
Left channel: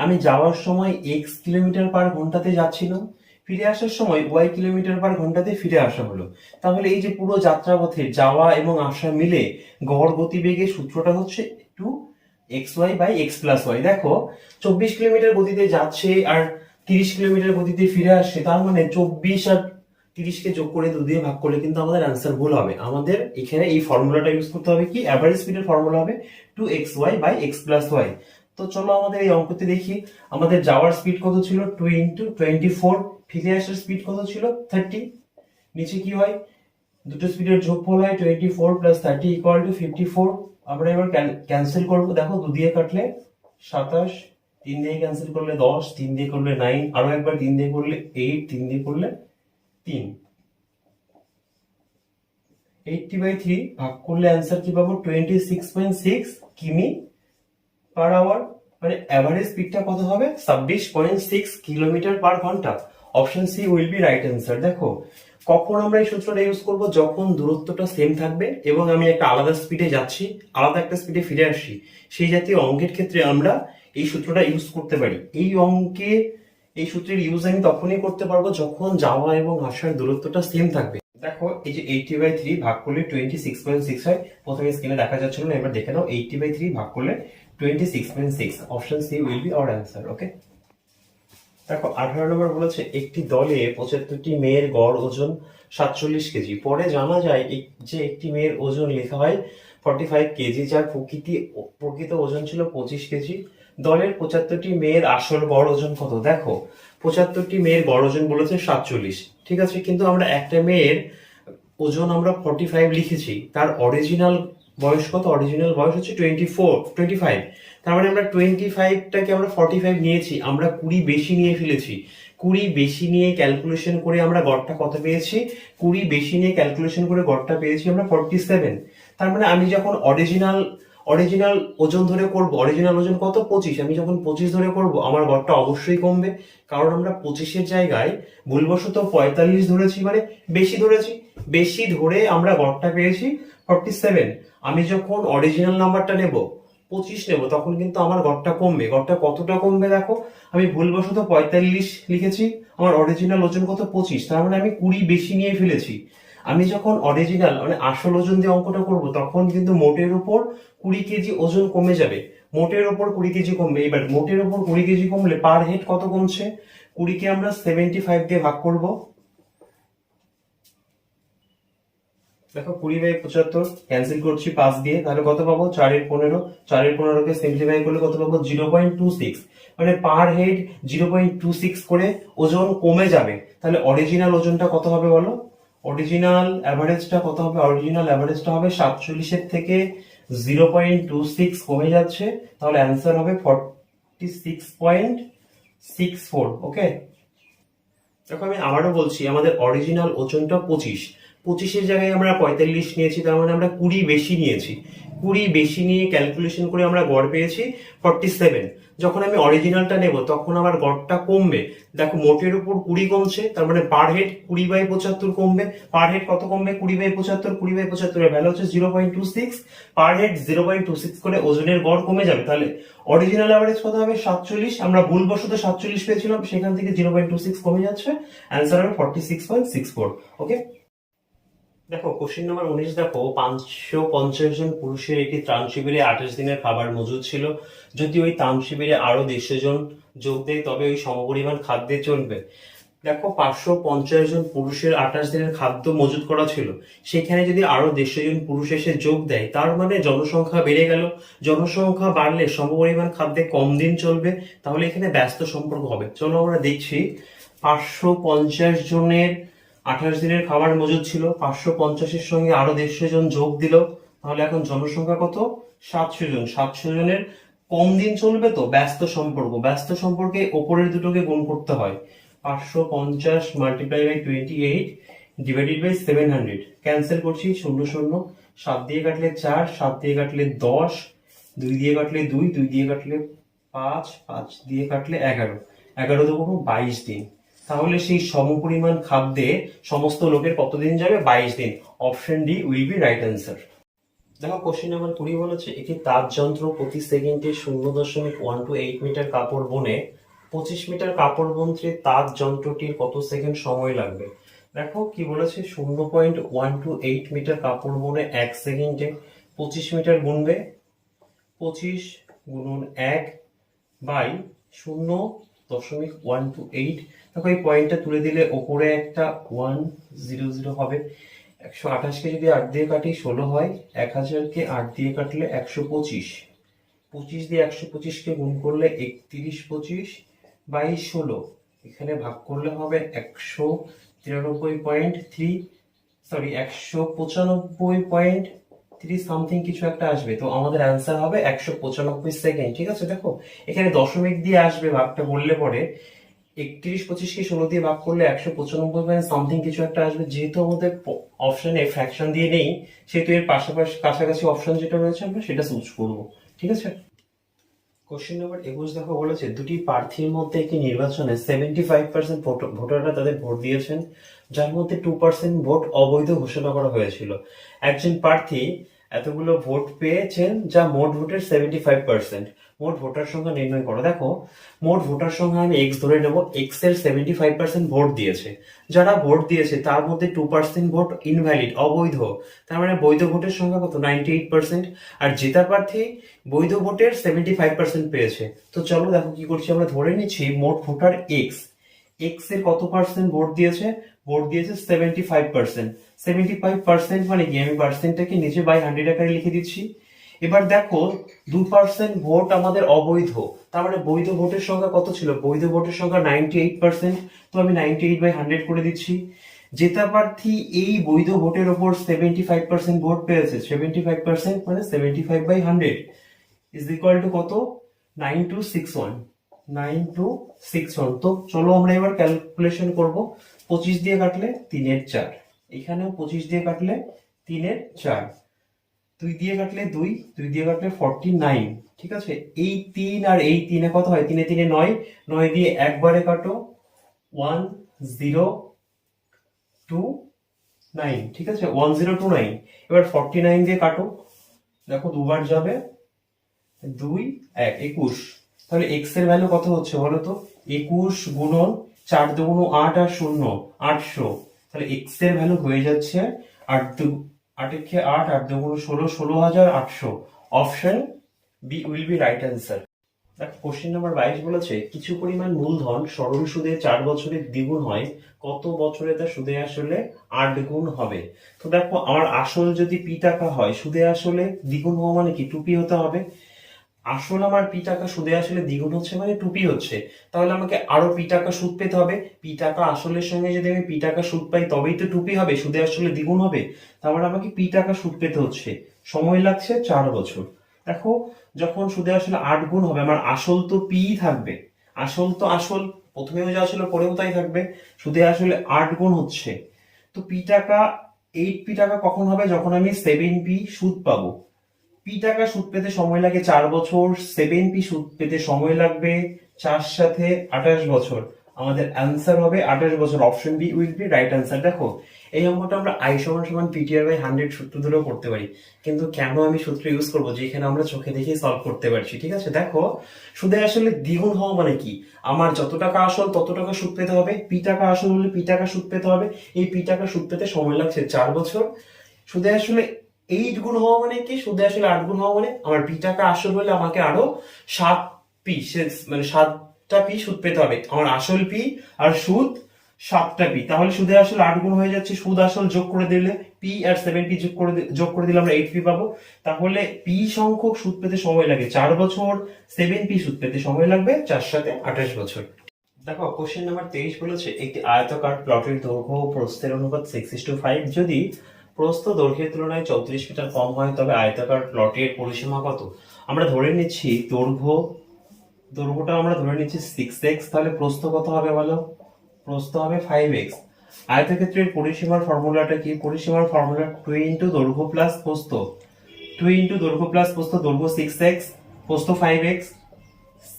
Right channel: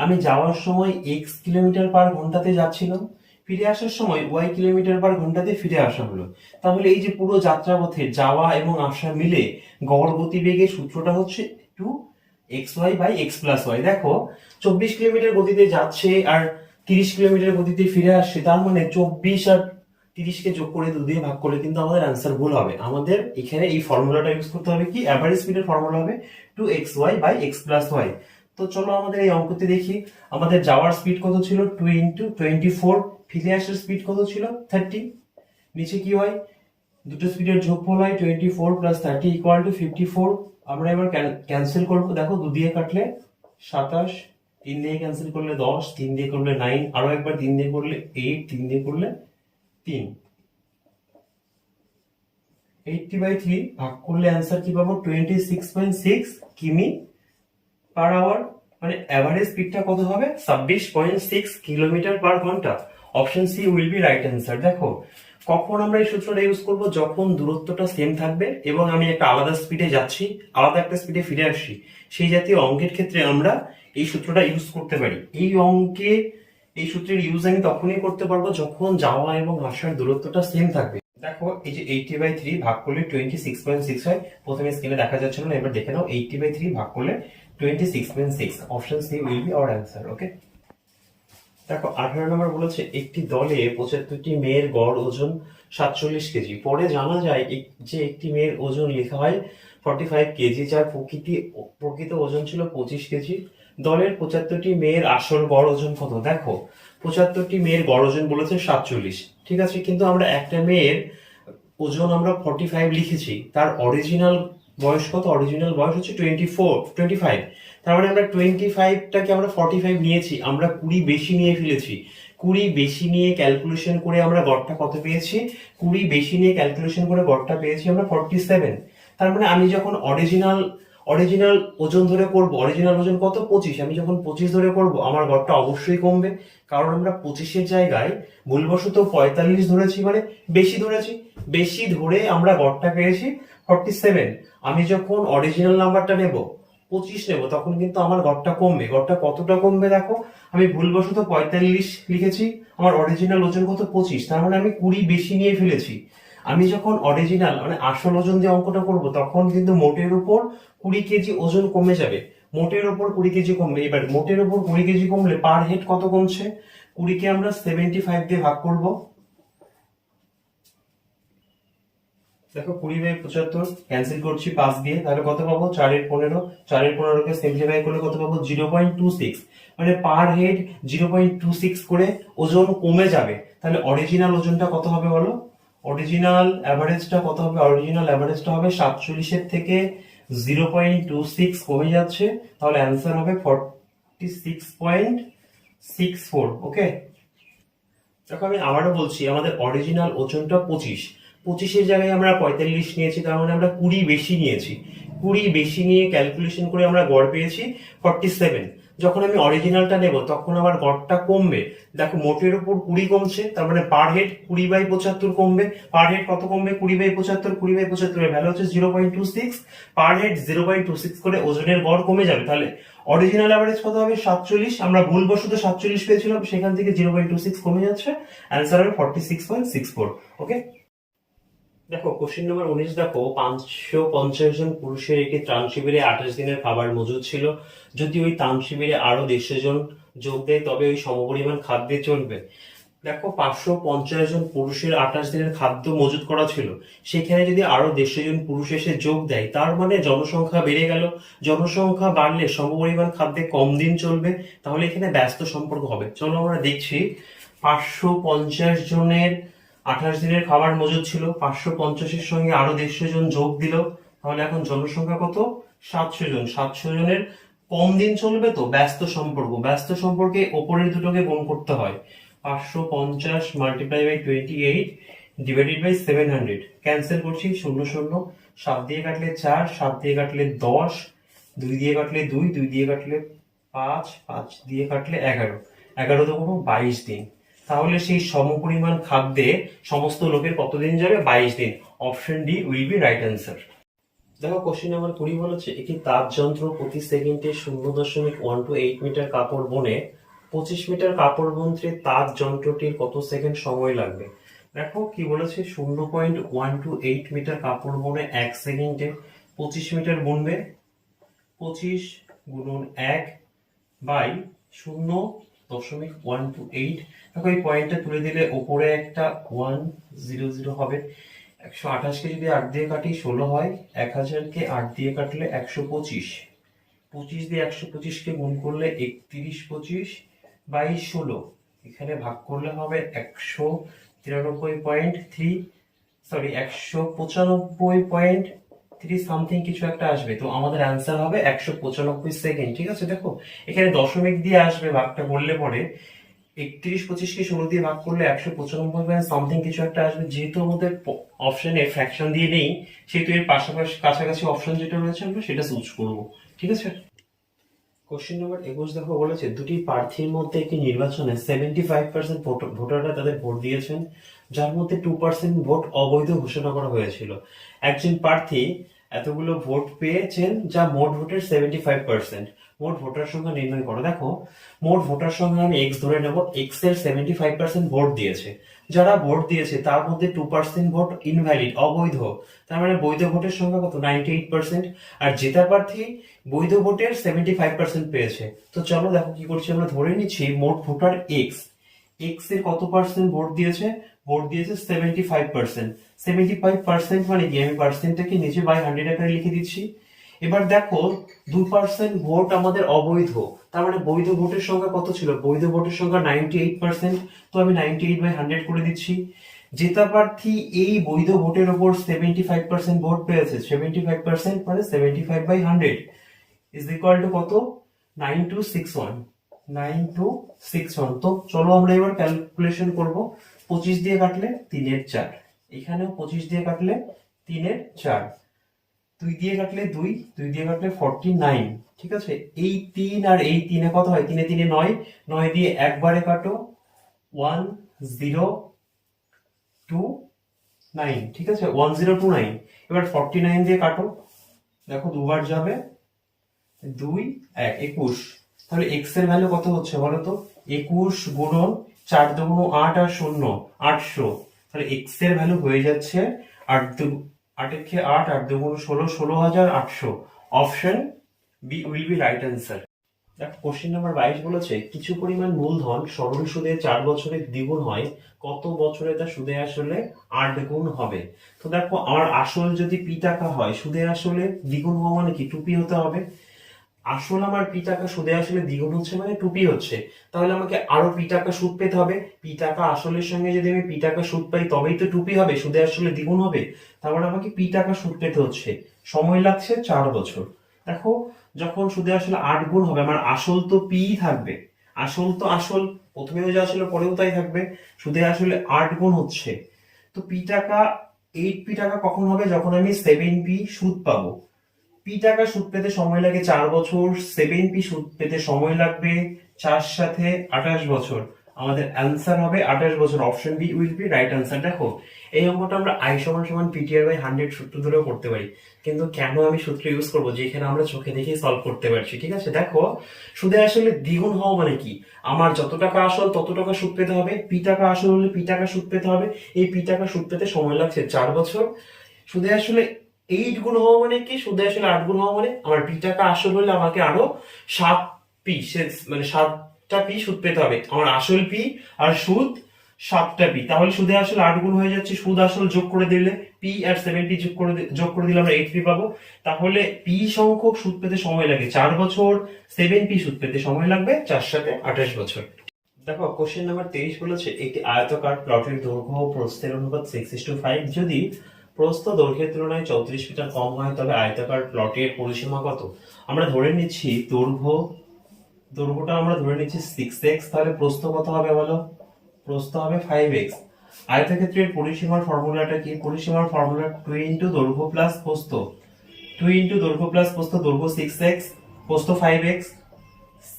আমি যাওয়ার সময় x কিলোমিটার/ঘন্টাতে যাচ্ছিলাম, ফিরে আসার সময় y কিলোমিটার/ঘন্টাতে ফিরে আসা হলো। তাহলে এই যে পুরো যাত্রাপথে যাওয়া এবং আসা মিলে গড় গতিবেগের সূত্রটা হচ্ছে 2xy/x+y। দেখো 24 কিলোমিটার গতিতে যাচ্ছে আর 30 কিলোমিটার গতিতে ফিরে আসছে, তার মানে 24 আর 30 কে যোগ করে 2 দিয়ে ভাগ করলে কিন্তু আমাদের অ্যান্সার ভুল হবে। আমাদের এখানে এই ফর্মুলাটা ইউজ করতে হবে, কি অ্যাভারেজ স্পিডের ফর্মুলা হবে 2xy/x+y। তো চলো আমাদের এই অঙ্কটি দেখি। আমাদের যাওয়ার স্পিড কত ছিল? 2 × 24। ফিরে আসার স্পিড কত ছিল? 30। নিচে কি হয়? দুটো স্পিডের যোগফল হয় 24 + 30 = 54। আমরা এবার ক্যান্সেল করব। দেখো 2 দিয়ে কাটলে 27, 3 দিয়ে ক্যান্সেল করলে 10, 3 দিয়ে করলে 9, আরো একবার 3 দিয়ে করলে 8, 3 দিয়ে করলে 3। 80/3 ভাগ করলে অ্যান্সার কি পাবো? 26.6 কিমি/আওয়ার। মানে এভারেজ স্পিডটা কত হবে? 26.6 কিলোমিটার/ঘন্টা। Option C will be right answer. দেখো কখন আমরা এই সূত্রটা ইউজ করব? যখন দূরত্বটা সেম থাকবে এবং আমি একটা আলাদা স্পিডে যাচ্ছি, আলাদা একটা স্পিডে ফিরে আসছি, সেই জাতীয় অঙ্কের ক্ষেত্রে আমরা এই সূত্রটা ইউজ করতে পারি। এই অঙ্কে এই সূত্রের ইউজ আমি তখনই করতে পারবো যখন যাওয়া এবং আসার দূরত্বটা সেম থাকবে। দেখো এই যে 80/3 ভাগ করলে 26.6 হয়। প্রথমে স্ক্রিনে দেখা যাচ্ছিল না, এবার দেখে নাও। 80/3 ভাগ করলে 26.6। Option C will be our answer. Okay. দেখো 18 নম্বর বলেছে একটি দলে 75টি মেয়ের গড় ওজন 47 কেজি। পরে জানা যায় যে একটি মেয়ের ওজন লেখা হয় 45 কেজি, যার প্রকৃত ওজন ছিল 25 কেজি। দলের 75টি মেয়ের আসল গড় ওজন কত? দেখো 75টি মেয়ের গড় ওজন বলেছে 47, ঠিক আছে, কিন্তু আমরা একটা মেয়ের ওজন আমরা 45 লিখেছি। তার অরিজিনাল বয়স কত? অরিজিনাল বয়স হচ্ছে 25। তার মানে আমরা 25টাকে আমরা 45 নিয়েছি, আমরা 20 বেশি নিয়ে ফেলেছি। 20 বেশি নিয়ে ক্যালকুলেশন করে আমরা গড়টা কত পেয়েছি? 20 বেশি নিয়ে ক্যালকুলেশন করে গড়টা পেয়েছি আমরা 47। তার মানে আমি যখন অরিজিনাল ওজন ধরে করব, অরিজিনাল ওজন কত? 25। আমি যখন 25 ধরে করব, আমার গড়টা অবশ্যই কমবে, কারণ আমরা 25-এর জায়গায় ভুলবশত 45 ধরেছি, মানে বেশি ধরেছি। বেশি ধরে আমরা গড়টা পেয়েছি 47। আমি যখন অরিজিনাল নাম্বারটা নেব, 25 নেব তখন কিন্তু আমার গড়টা কমবে। গড়টা কতটা কমবে দেখো, আমি ভুলবশত 45 লিখেছি, আমার অরিজিনাল ওজন কত 25, তার মানে আমি 20 বেশি নিয়ে ফেলেছি। আমি যখন অরিজিনাল মানে আসল ওজন দিয়ে অঙ্কটা করব তখন কিন্তু মোটের উপর 20 কেজি ওজন কমে যাবে, মোটের উপর 20 কেজি কমবে। এবার মোটের উপর 20 কেজি কমলে পার হেড কত কমছে, 20 কে আমরা 75 দিয়ে ভাগ করব। দেখো 20/75 ক্যান্সেল করছি 5 দিয়ে, তাহলে কত পাবো 4/15, 4/15 কে সিম্পলিফাই করলে কত পাবো 0.26, মানে পার হেড 0.26 করে ওজন কমে যাবে। তাহলে অরিজিনাল ওজনটা কত হবে বলো, অরিজিনাল অ্যাভারেজটা কত হবে, অরিজিনাল অ্যাভারেজটা হবে 47 এর থেকে 0.26 কমে যাচ্ছে, তাহলে অ্যান্সার হবে 46.64। ওকে, দেখো আমি আবারও বলছি, আমাদের অরিজিনাল ওজনটা 25, 25-এর জায়গায় আমরা 45 নিয়েছি, তার মানে আমরা 20 বেশি নিয়েছি। 20 বেশি নিয়ে ক্যালকুলেশন করে আমরা গড় পেয়েছি 47। যখন আমি অরিজিনালটা নেব তখন আমার গড়টা কমবে। দেখো মোটের উপর 20 কমছে, তার মানে পার হেড 20/75 কমবে। পার হেড কত কমবে, 20/75, 20/75 এর ভ্যালু হচ্ছে 0.26, পার হেড 0.26 করে ওজনের গড় কমে যাবে। তাহলে অরিজিনাল অ্যাভারেজ কত হবে 47, আমরা ভুলবশত 47 পেয়েছিলাম, সেখান থেকে 0.26 কমে যাচ্ছে, অ্যান্সার হবে 46.64। ওকে, দেখো কোশ্চেন নাম্বার 19, দেখো 550 জন পুরুষের একটি ত্রাণ শিবিরে 28 দিনের খাবার মজুদ ছিল। যদি ওই ত্রাণ শিবিরে আরো 150 জন যোগ দেয় তবে ওই সমপরিমাণ খাদ্যে চলবে। দেখো 550 জন পুরুষের 28 দিনের খাদ্য মজুত করা ছিল, সেখানে যদি আরো 150 জন পুরুষ এসে যোগ দেয় তার মানে জনসংখ্যা বেড়ে গেল। জনসংখ্যা বাড়লে সমপরিমাণ খাদ্যে কম দিন চলবে, তাহলে এখানে ব্যস্ত সম্পর্ক হবে। চলো আমরা দেখছি, 550 জনের 28 দিনের খাবার মজুদ ছিল, 550-এর সঙ্গে আরো 150 জন যোগ দিল, তাহলে এখন জনসংখ্যা কত 700 জন। 700 জনের কম দিন চলবে, তো ব্যস্ত সম্পর্ক, ব্যস্ত সম্পর্কে ওপরের দুটোকে গুণ করতে হয়। 550 multiply by 28 divided by 700, cancel করছি, 0 0, 7 দিয়ে কাটলে 4, 7 দিয়ে কাটলে 10, 2 দিয়ে কাটলে 2, 2 দিয়ে কাটলে 5, 5 দিয়ে কাটলে 11, 11 তো কোনো 22 দিন। তাহলে সেই সমপরিমাণ খাদ্যে সমস্ত লোকের কতদিন যাবে, 22 দিন। Option D will be right answer. দেখো কোশ্চেন নাম্বার 20 বলেছে, একটি তাঁত যন্ত্র প্রতি সেকেন্ডে 0.128 মিটার কাপড় বুনে 25 মিটার কাপড় বুনতে তাঁত যন্ত্রটির কত সেকেন্ড সময় লাগবে। দেখো কি বলেছে, 0.128 মিটার কাপড় বুনে 1 সেকেন্ডে 25 মিটার বুনবে। 25 গুণন 1 বাই 0.128। দেখো এই পয়েন্টটা তুলে দিলে ওপরে একটা 100 হবে। 128-কে যদি 8 দিয়ে কাটি 16 হয়, 1000-কে 8 দিয়ে কাটলে 125, 25 দিয়ে 125-কে গুণ করলে 3125 বাই 16, এখানে ভাগ করলে হবে 193.3, সরি 195.3 সামথিং কিছু একটা আসবে, তো আমাদের অ্যান্সার হবে 195 সেকেন্ড। ঠিক আছে, দেখো এখানে দশমিক দিয়ে আসবে ভাগটা করলে পরে, 3125-কে 16 দিয়ে ভাগ করলে 195 সামথিং কিছু একটা আসবে। যেহেতু আমাদের অপশনে ফ্র্যাকশন দিয়ে নেই, সেহেতু এর পাশাপাশি কাছাকাছি অপশন যেটা রয়েছে আমরা সেটা চুজ করব। ঠিক আছে, কোশ্চেন নাম্বার 21, দেখো বলেছে, দুটি প্রার্থীর মধ্যে একটি নির্বাচনে 75% ভোটাররা তাদের ভোট দিয়েছেন, যার মধ্যে 2% ভোট অবৈধ ঘোষণা করা হয়েছিল। একজন প্রার্থী এতগুলো ভোট পেয়েছেন যা মোট ভোটের 75%। মোট ভোটার সংখ্যা নির্ণয় করো। দেখো মোট ভোটার সংখ্যা আমি এক্স ধরে নেব, এক্স এর 75% ভোট দিয়েছে। যারা ভোট দিয়েছে তার মধ্যে 2% ভোট ইনভ্যালিড, অবৈধ, তার মানে বৈধ ভোটের সংখ্যা কত 98%। আর জেতা প্রার্থী বৈধ ভোটের 75% পেয়েছে। তো চলো দেখো কি করছি, আমরা ধরে নিচ্ছি মোট ভোটার এক্স, এক্স এর কত পার্সেন্ট ভোট দিয়েছে, ভোট দিয়েছে 75%। 75% মানে কি, আমি পার্সেন্টটাকে নিচে বাই 100 আকারে লিখে দিচ্ছি। এবার দেখো 2% ভোট আমাদের অবৈধ, তার মানে বৈধ ভোটের সংখ্যা কত ছিল, বৈধ ভোটের সংখ্যা 98%, তো আমি 98/100 করে দিচ্ছি। জেতা প্রার্থী এই বৈধ ভোটের উপর 75% ভোট পেয়েছে, 75% মানে 75/100 ইজ ইকুয়াল টু কত, 9261, 9261। তো চলো আমরা এবার ক্যালকুলেশন করব। 25 দিয়ে কাটলে 3/4, এখানেও 25 দিয়ে কাটলে 3/4, 2 দিয়ে কাটলে 2, 2 দিয়ে কাটলে 49। ঠিক আছে, এই 3 আর এই 3 কত হয়, 3 3 9, 9 দিয়ে একবারে কাটো 1029। ঠিক আছে, 1029। এবার 49 দিয়ে কাটো, দেখো দুবার যাবে, 2 1 21, তাহলে এক্স এর ভ্যালু কত হচ্ছে বলো তো? 21 গুণন 4 দুগুণ 8 আর 0 800, তাহলে এক্স এর ভ্যালু হয়ে যাচ্ছে 8 এর খেয়ে 8 8 দুগুণ 16 16800। Option B will be right answer. দেখো কোশ্চেন নাম্বার 22 বলেছে কিছু পরিমাণ মূলধন সরল সুদে 4 বছরে দ্বিগুণ হয়, কত বছরে তা সুদে আসলে 8 গুণ হবে? তো দেখো আমার আসল যদি পি টাকা হয়, সুদে আসলে দ্বিগুণ হওয়া মানে কি 2p হতে হবে। আসল আমার পি টাকা সুদে আসলে দ্বিগুণ হচ্ছে মানে 2p হচ্ছে, তাহলে আমাকে আরো পি টাকা সুদ পেতে হবে। পি টাকা আসলের সঙ্গে যদি আমি পি টাকা সুদ পাই তবেই তো 2p হবে, সুদে আসলে দ্বিগুণ হবে। তারপরে আমাকে পি টাকা সুদ পেতে হচ্ছে, সময় লাগছে 4 বছর। দেখো যখন সুদে আসলে 8 গুণ হবে, আমার আসল তো পি থাকবে, আসল তো আসল প্রথমেও যা ছিল পরেও তাই থাকবে, সুদে আসলে 8 গুণ হচ্ছে। তো পি টাকা 8p টাকা কখন হবে? যখন আমি 7p সুদ পাবো। পি টাকা সুদ পেতে সময় লাগে 4 বছর, 7p সুদ পেতে সময় লাগবে 4 সাথে 28 বছর। আমাদের অ্যান্সার হবে 28 বছর। Option B will be right answer. দেখো এই অঙ্কটা আমরা আই সমান সমান পিটিআর বাই 100 সূত্র ধরেও করতে পারি, কিন্তু কেন আমি সূত্র ইউজ করবো যেখানে আমরা চোখে দেখেই সলভ করতে পারছি। ঠিক আছে, দেখো সুদে আসলে দ্বিগুণ হওয়া মানে কি, আমার যত টাকা আসল তত টাকা সুদ পেতে হবে, পি টাকা আসল হলে পি টাকা সুদ পেতে হবে। এই পি টাকা সুদ পেতে সময় লাগছে 4 বছর। সুদে আসলে 8 গুণ হওয়া মানে কি, সুদে আসলে 8 গুণ হওয়া মানে আমার পি টাকা আসল হলে আমাকে আরো 7p মানে 7টা p সুদ পেতে হবে। আমার আসল পি আর সুদ 7টা p, তাহলে সুদে আসলে 8 গুণ হয়ে যাচ্ছে, সুদ আসল যোগ করে দিলে পি আর 7p যোগ করে দিলে আমরা 8p পাবো। তাহলে পি সংখ্যক সুদ পেতে সময় লাগে 4 বছর, 7p সুদ পেতে সময় লাগবে 4 সাথে 28 বছর। দেখো কোশ্চেন নাম্বার 23 বলেছে একটি আয়তাকার প্লটের দৈর্ঘ্য ও প্রস্থের অনুপাত 6:5, যদি প্রস্থ দৈর্ঘ্যের তুলনায় 34 মিটার কম হয় তবে আয়তাকার প্লটের পরিসীমা কত? আমরা ধরে নিচ্ছি দৈর্ঘ্যটা আমরা ধরে নিচ্ছি 6x, তাহলে প্রস্থ কত হবে বলো? প্রস্থ হবে 5x। আয়তক্ষেত্রের পরিসীমার ফর্মুলাটা কি? পরিসীমার ফর্মুলা 2 ইন্টু দৈর্ঘ্য প্লাস প্রস্থ, 2 ইন্টু দৈর্ঘ্য প্লাস প্রস্থ, দৈর্ঘ্য 6x প্রস্থ 5x,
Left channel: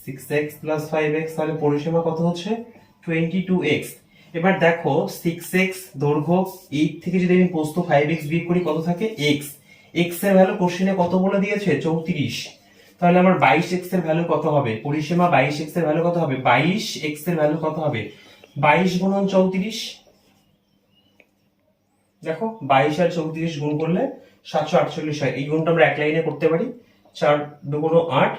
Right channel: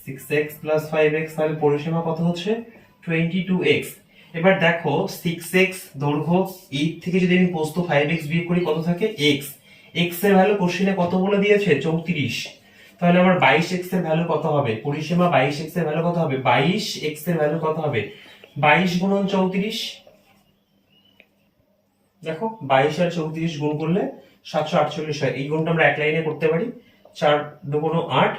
6x প্লাস 5x, তাহলে পরিসীমা কত হচ্ছে? 22x। এবার দেখো 6x দৈর্ঘ্য, 8 থেকে যদি আমি প্রস্থ 5x বিয়োগ করি কত থাকে? x। x এর ভ্যালু কোশ্চেনে কত বলে দিয়েছে? 34। তাহলে আমার 22x এর ভ্যালু কত হবে? পরিসীমা 22x এর ভ্যালু কত হবে? 22x এর ভ্যালু কত হবে? 22 গুণন 34। দেখো 22 আর 34 গুণ করলে 748 হয়। এই গুণটা আমরা এক লাইনে করতে পারি। 4 দুগুণ 8,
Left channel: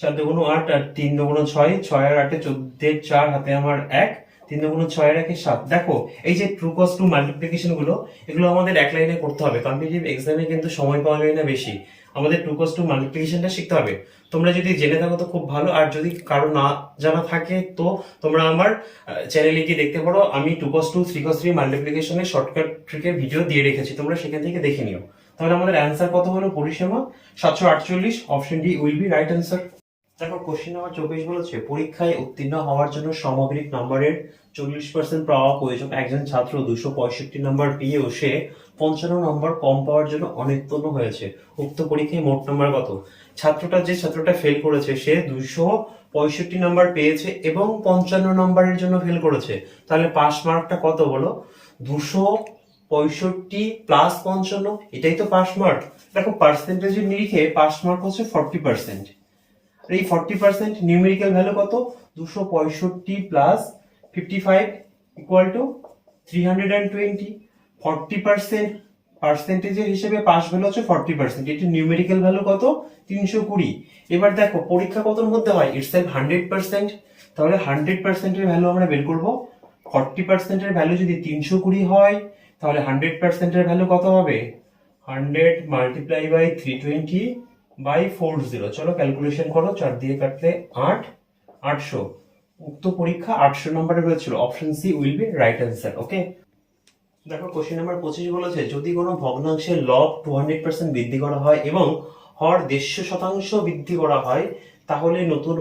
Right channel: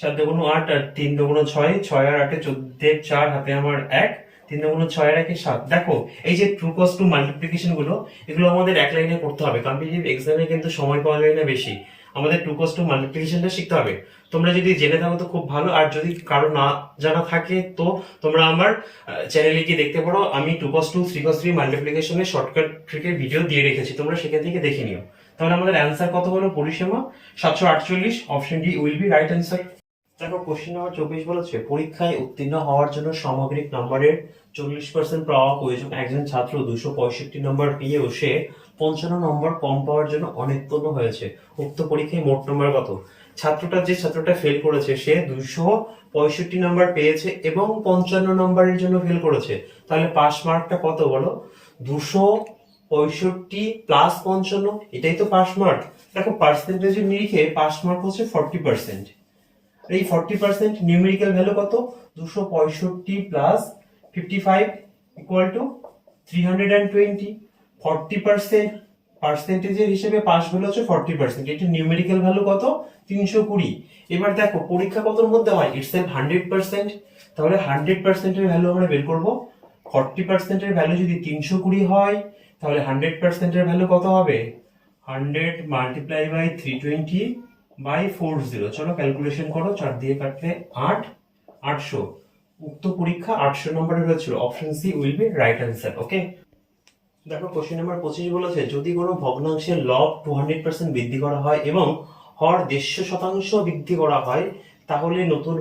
4 দুগুণ 8 আর 3 দুগুণ 6, 6 আর 8 14, 4 হাতে আমার 1, 3 দুগুণ 6 আর 1 7। দেখো এই যে ট্রু কস টু মাল্টিপ্লিকেশন গুলো, এগুলো আমাদের এক লাইনে করতে হবে। কম্পিটিটিভ এক্সামে কিন্তু সময় পাওয়া যায় না বেশি, আমাদের ট্রু কস টু মাল্টিপ্লিকেশনটা শিখতে হবে। তোমরা যদি জেনে থাকো তো খুব ভালো, আর যদি কারো না জানা থাকে তো তোমরা আমার চ্যানেলে গিয়ে দেখতে পারো, আমি 2 cos 2 3 cos 3 মাল্টিপ্লিকেশনের শর্টকাট ট্রিকের ভিডিও দিয়ে রেখেছি, তোমরা সেখান থেকে দেখে নিও। তাহলে আমাদের অ্যান্সার কত হলো? পরিসীমা 748। Option D will be right answer. দেখো কোশ্চেন নাম্বার 24 বলেছে পরীক্ষায় উত্তীর্ণ হওয়ার জন্য সামগ্রিক নম্বরের 40% পাওয়া প্রয়োজন। একজন ছাত্র 265 নম্বর পেয়েও সে 55 নম্বর কম পাওয়ার জন্য অনুত্তীর্ণ হয়েছে। উক্ত পরীক্ষায় মোট নম্বর কত? যে ছাত্রটা ফেল করেছে সে 265 নম্বর পেয়েছে এবং 55 নম্বরের জন্য ফেল করেছে, তাহলে পাস মার্কটা কত বলো? 265 প্লাস 55, এটাই তো পাস মার্ক। দেখো পার্সেন্টেজের নিরিখে পাস মার্ক হচ্ছে 40%। এই 40% নিউমেরিক্যাল ভ্যালু কত? 265 প্লাস 55 ইকুয়াল টু 320। 40% পার্সেন্টেজের হিসেবে পাস ভ্যালু হচ্ছে 40%, এটি নিউমেরিক্যাল ভ্যালু কত? 320। এবার দেখো পরীক্ষা কতর মধ্যে হয়? ইটসেলফ 100%, তাহলে 100% এর ভ্যালু আমরা বের করব। 40% এর ভ্যালু যদি 320 হয় তাহলে 100% এর ভ্যালু কত হবে? 100 মাল্টিপ্লাই বাই 320 বাই 40। চলো ক্যালকুলেশন করো, 4 দিয়ে কাটলে 8, 800। উক্ত পরীক্ষা 800 নম্বরে হয়েছিল। Option C will be right answer. Okay, দেখো কোশ্চেন নাম্বার 25 বলেছে যদি কোনো ভগ্নাংশের লব 200% বৃদ্ধি করা হয় এবং হর 150% বৃদ্ধি করা হয় তাহলে নতুন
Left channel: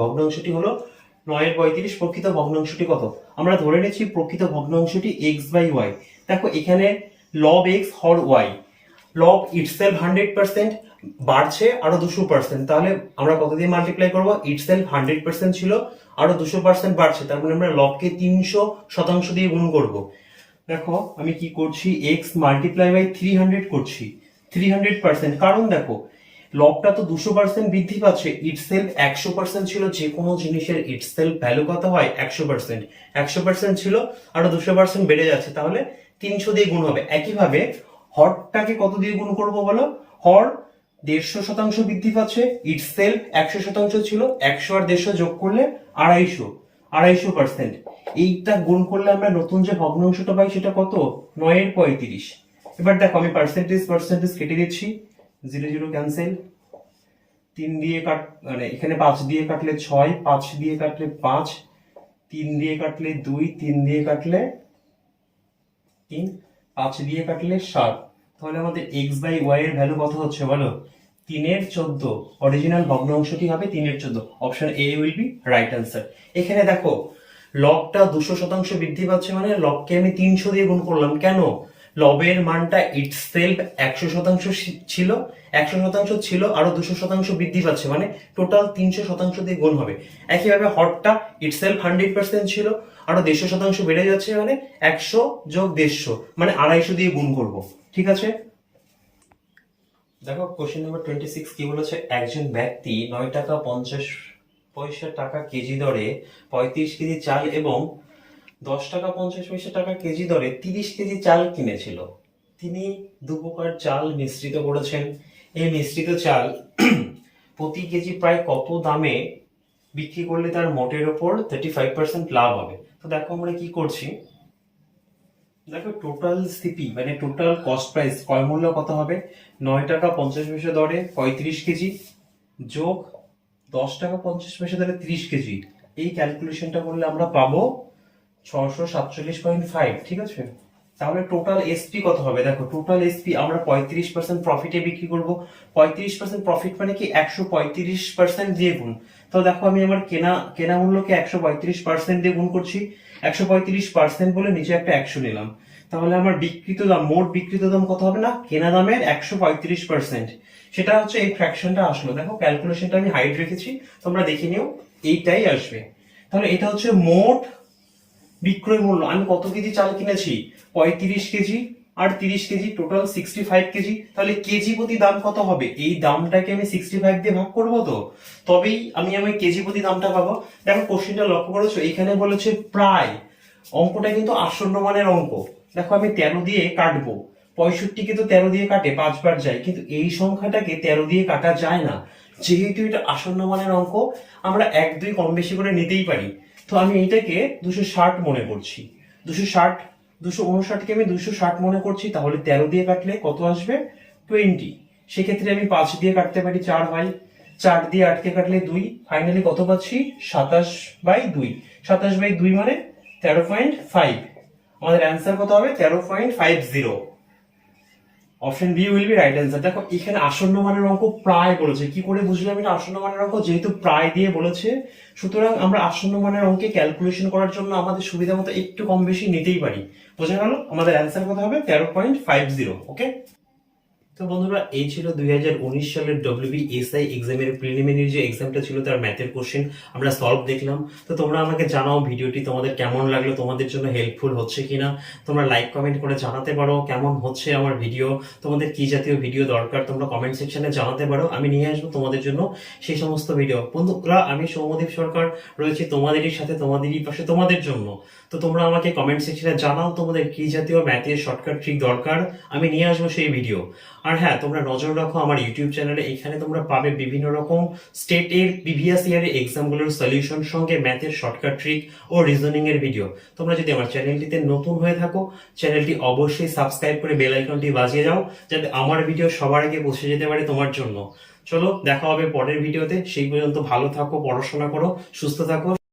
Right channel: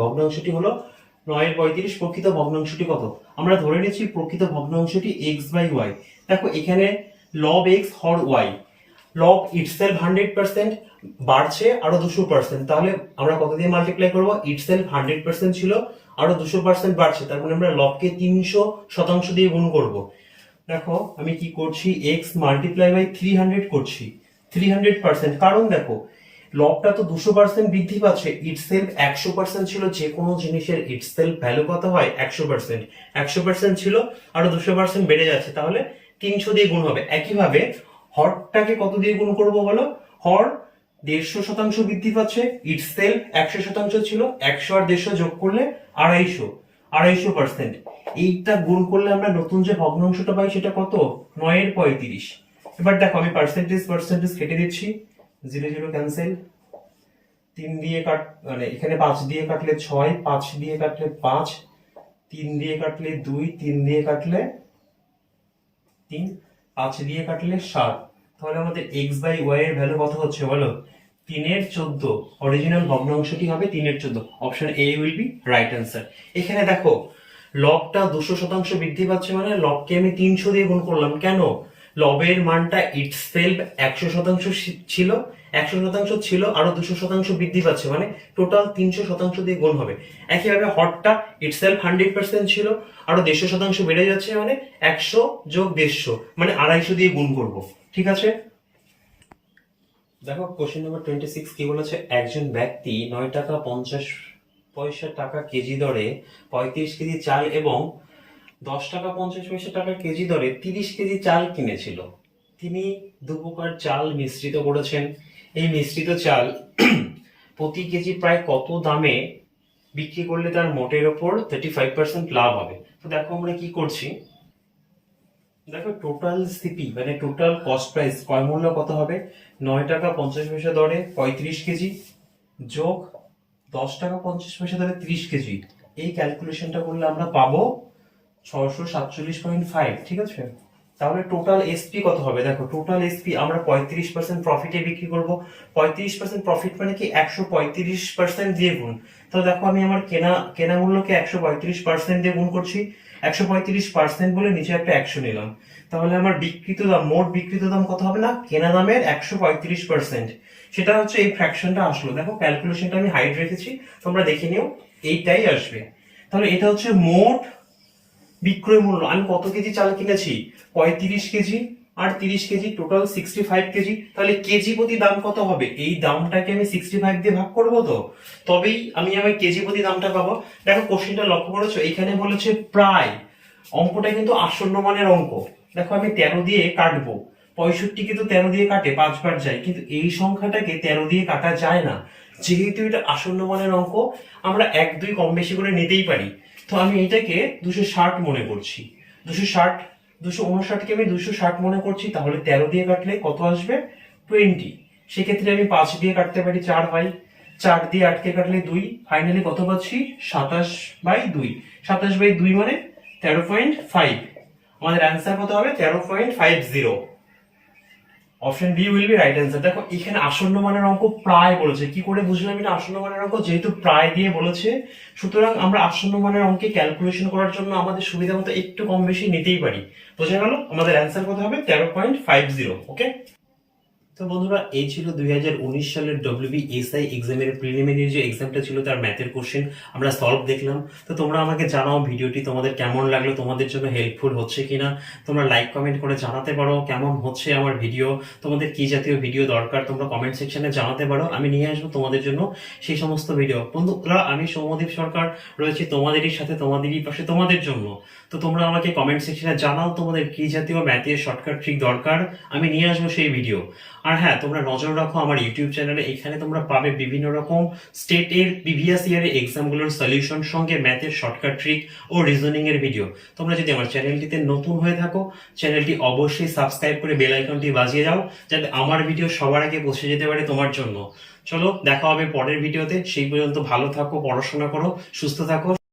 ভগ্নাংশটি হলো 9/35। প্রকৃত ভগ্নাংশটি কত? আমরা ধরে নিচ্ছি প্রকৃত ভগ্নাংশটি x/y। দেখো এখানে লব x হর y, লব ইটসেলফ 100%, বাড়ছে আরো 200%, তাহলে আমরা কত দিয়ে মাল্টিপ্লাই করব? ইটসেলফ 100% ছিল, আরো 200% বাড়ছে, তার মানে আমরা লবকে 300% দিয়ে গুণ করব। দেখো আমি কি করছি? x মাল্টিপ্লাই বাই 300 করছি, 300%, কারণ দেখো লবটা তো 200% বৃদ্ধি পাচ্ছে, ইটসেলফ 100% ছিল। যে কোনো জিনিসের ইটসেলফ ভ্যালু কত হয়? 100%। 100% ছিল, আরো 200% বেড়ে যাচ্ছে, তাহলে 300 দিয়ে গুণ হবে। একইভাবে হরটাকে কত দিয়ে গুণ করবো বলো? হর 150% বৃদ্ধি পাচ্ছে, ইটসেলফ 100% ছিল, 100 আর 150 যোগ করলে 250, 250%। এইটা গুণ করলে আমরা নতুন যে ভগ্নাংশটা পাই সেটা কত? 9/35। এবার দেখো আমি পার্সেন্টেজ কেটে দিচ্ছি, 0 0 ক্যান্সেল, 3 দিয়ে মানে এখানে 5 দিয়ে কাটলে 6, 5 দিয়ে কাটলে 5, 3 দিয়ে কাটলে 2, 3 দিয়ে কাটলে 3, 5 দিয়ে কাটলে 7। তাহলে আমাদের x/y এর ভ্যালু কত হচ্ছে বলো? 3/14। অরিজিনাল ভগ্নাংশটি হবে 3/14। Option A will be right answer. এখানে দেখো লবটা 200% বৃদ্ধি পাচ্ছে, মানে লবকে আমি 300 দিয়ে গুণ করলাম। কেন? লবের মানটা ইটসেলফ 100% ছিল, 100% ছিল, আরো 200% বৃদ্ধি পাচ্ছে, মানে টোটাল 300% দিয়ে গুণ হবে। একইভাবে হটটা ইটসেলফ 100% ছিল, আরো 150% বেড়ে যাচ্ছে, মানে 100 যোগ 150, মানে 250 দিয়ে গুণ করব। ঠিক আছে, দেখো কোশ্চেন নাম্বার 26 কি বলেছে? একজন ব্যক্তি 9 টাকা 50 পয়সা টাকা কেজি দরে 35 কেজি চাল এবং 10 টাকা 50 পয়সা টাকা কেজি দরে 30 কেজি চাল কিনেছিল। তিনি দু প্রকার চাল মিশ্রিত করেছেন। এই মিশ্রিত চাল প্রতি কেজি প্রায় কত দামে বিক্রি করলে তার মোটের ওপর 35% লাভ হবে? তো দেখো আমরা কি করছি, দেখো টোটাল সিপি মানে টোটাল কস্ট প্রাইস ক্রয় মূল্য কত হবে? 9 টাকা 50 পয়সা দরে 35 কেজি যোগ 10 টাকা 50 পয়সা দরে 30 কেজি। এই ক্যালকুলেশনটা করলে আমরা পাবো 647.5। ঠিক আছে, তাহলে টোটাল এসপি কত হবে? দেখো টোটাল এসপি আমরা 35% প্রফিটে বিক্রি করব। 35% প্রফিট মানে কি 135% দিয়ে গুণ। তো দেখো আমি আমার কেনা মূল্যকে 135% দিয়ে গুণ করছি, 135% বলে নিচে একটা 100 নিলাম। তাহলে আমার বিক্রিত দাম, মোট বিক্রিত দাম কত হবে? না, কেনা দামের 135%। সেটা হচ্ছে এই ফ্র্যাকশনটা আসলো। দেখো ক্যালকুলেশনটা আমি হাইড রেখেছি, তোমরা দেখে নিও, এইটাই আসবে। তাহলে এটা হচ্ছে মোট বিক্রয় মূল্য। আমি কত কেজি চাল কিনেছি? 35 কেজি আর 30 কেজি, টোটাল 65 কেজি। তাহলে কেজি প্রতি দাম কত হবে? এই দামটাকে আমি 65 দিয়ে ভাগ করবো, তো তবেই আমি আমার কেজি প্রতি দামটা পাবো। দেখো কোশ্চেনটা লক্ষ্য করেছো, এখানে বলেছে প্রায়, অঙ্কটা কিন্তু আসন্ন মানের অঙ্ক। দেখো আমি 13 দিয়ে কাটবো, 65 কে তো 13 দিয়ে কাটে, 5 বার যায়, কিন্তু এই সংখ্যাটাকে 13 দিয়ে কাটা যায় না। যেহেতু এটা আসন্ন মানের অঙ্ক, আমরা 1 2 কম বেশি করে নিতেই পারি। তো আমি এইটাকে 260 মনে করছি। 260, 259 কে আমি 260 মনে করছি। তাহলে 13 দিয়ে কাটলে কত আসবে? 20। সেক্ষেত্রে আমি 5 দিয়ে কাটতে পারি, 4 হয়। 4 দিয়ে 8 কে কাটলে 2, ফাইনালি কত পাচ্ছি? 27/2। 27/2 মানে 13.5। আমাদের অ্যান্সার কত হবে? 13.50। Option B will be right answer. দেখো এখানে আসন্ন মানের অঙ্ক প্রায় বলেছে। কি করে বুঝলাম এটা আসন্ন মানের অঙ্ক? যেহেতু প্রায় দিয়ে বলেছে, সুতরাং আমরা আসন্ন মানের অঙ্কে ক্যালকুলেশন করার জন্য আমাদের সুবিধা মতো একটু কম বেশি নিতেই পারি। বোঝা গেল? আমাদের অ্যান্সার কত হবে? 13.50। ওকে, তো বন্ধুরা এই ছিল 2019 সালের WBSI এক্সামের প্রিলিমিনারি যে এক্সামটা ছিল তার ম্যাথের কোশ্চেন আমরা সলভ দেখলাম। তো তোমরা আমাকে জানাও ভিডিওটি তোমাদের কেমন লাগলো, তোমাদের জন্য হেল্পফুল হচ্ছে কিনা। তোমরা লাইক কমেন্ট করে জানাতে পারো কেমন হচ্ছে আমার ভিডিও, তোমাদের কি জাতীয় ভিডিও দরকার তোমরা কমেন্ট সেকশনে জানাতে পারো। আমি নিয়ে আসবো তোমাদের জন্য সেই সমস্ত ভিডিও। বন্ধুরা আমি সৌম্যদীপ সরকার রয়েছি তোমাদেরই সাথে, তোমাদেরই পাশে, তোমাদের জন্য। তো তোমরা আমাকে কমেন্ট সেকশনে জানাও তোমাদের কি জাতীয় ম্যাথের শর্টকাট ট্রিক দরকার, আমি নিয়ে আসবো সেই ভিডিও। আর হ্যাঁ, তোমরা নজর রাখো আমার ইউটিউব চ্যানেলে, এখানে তোমরা পাবে বিভিন্ন রকম স্টেটের প্রিভিয়াস ইয়ারের এক্সামগুলোর সলিউশন সঙ্গে ম্যাথের শর্টকাট ট্রিক ও রিজনিং এর ভিডিও। তোমরা যদি আমার চ্যানেলটিতে নতুন হয়ে থাকো, চ্যানেলটি অবশ্যই সাবস্ক্রাইব করে বেল আইকনটি বাজিয়ে দাও, যাতে আমার ভিডিও সবার আগে পৌঁছে যেতে পারে তোমার জন্য। চলো দেখা হবে পরের ভিডিওতে, সেই পর্যন্ত ভালো থাকো, পড়াশোনা করো, সুস্থ থাকো।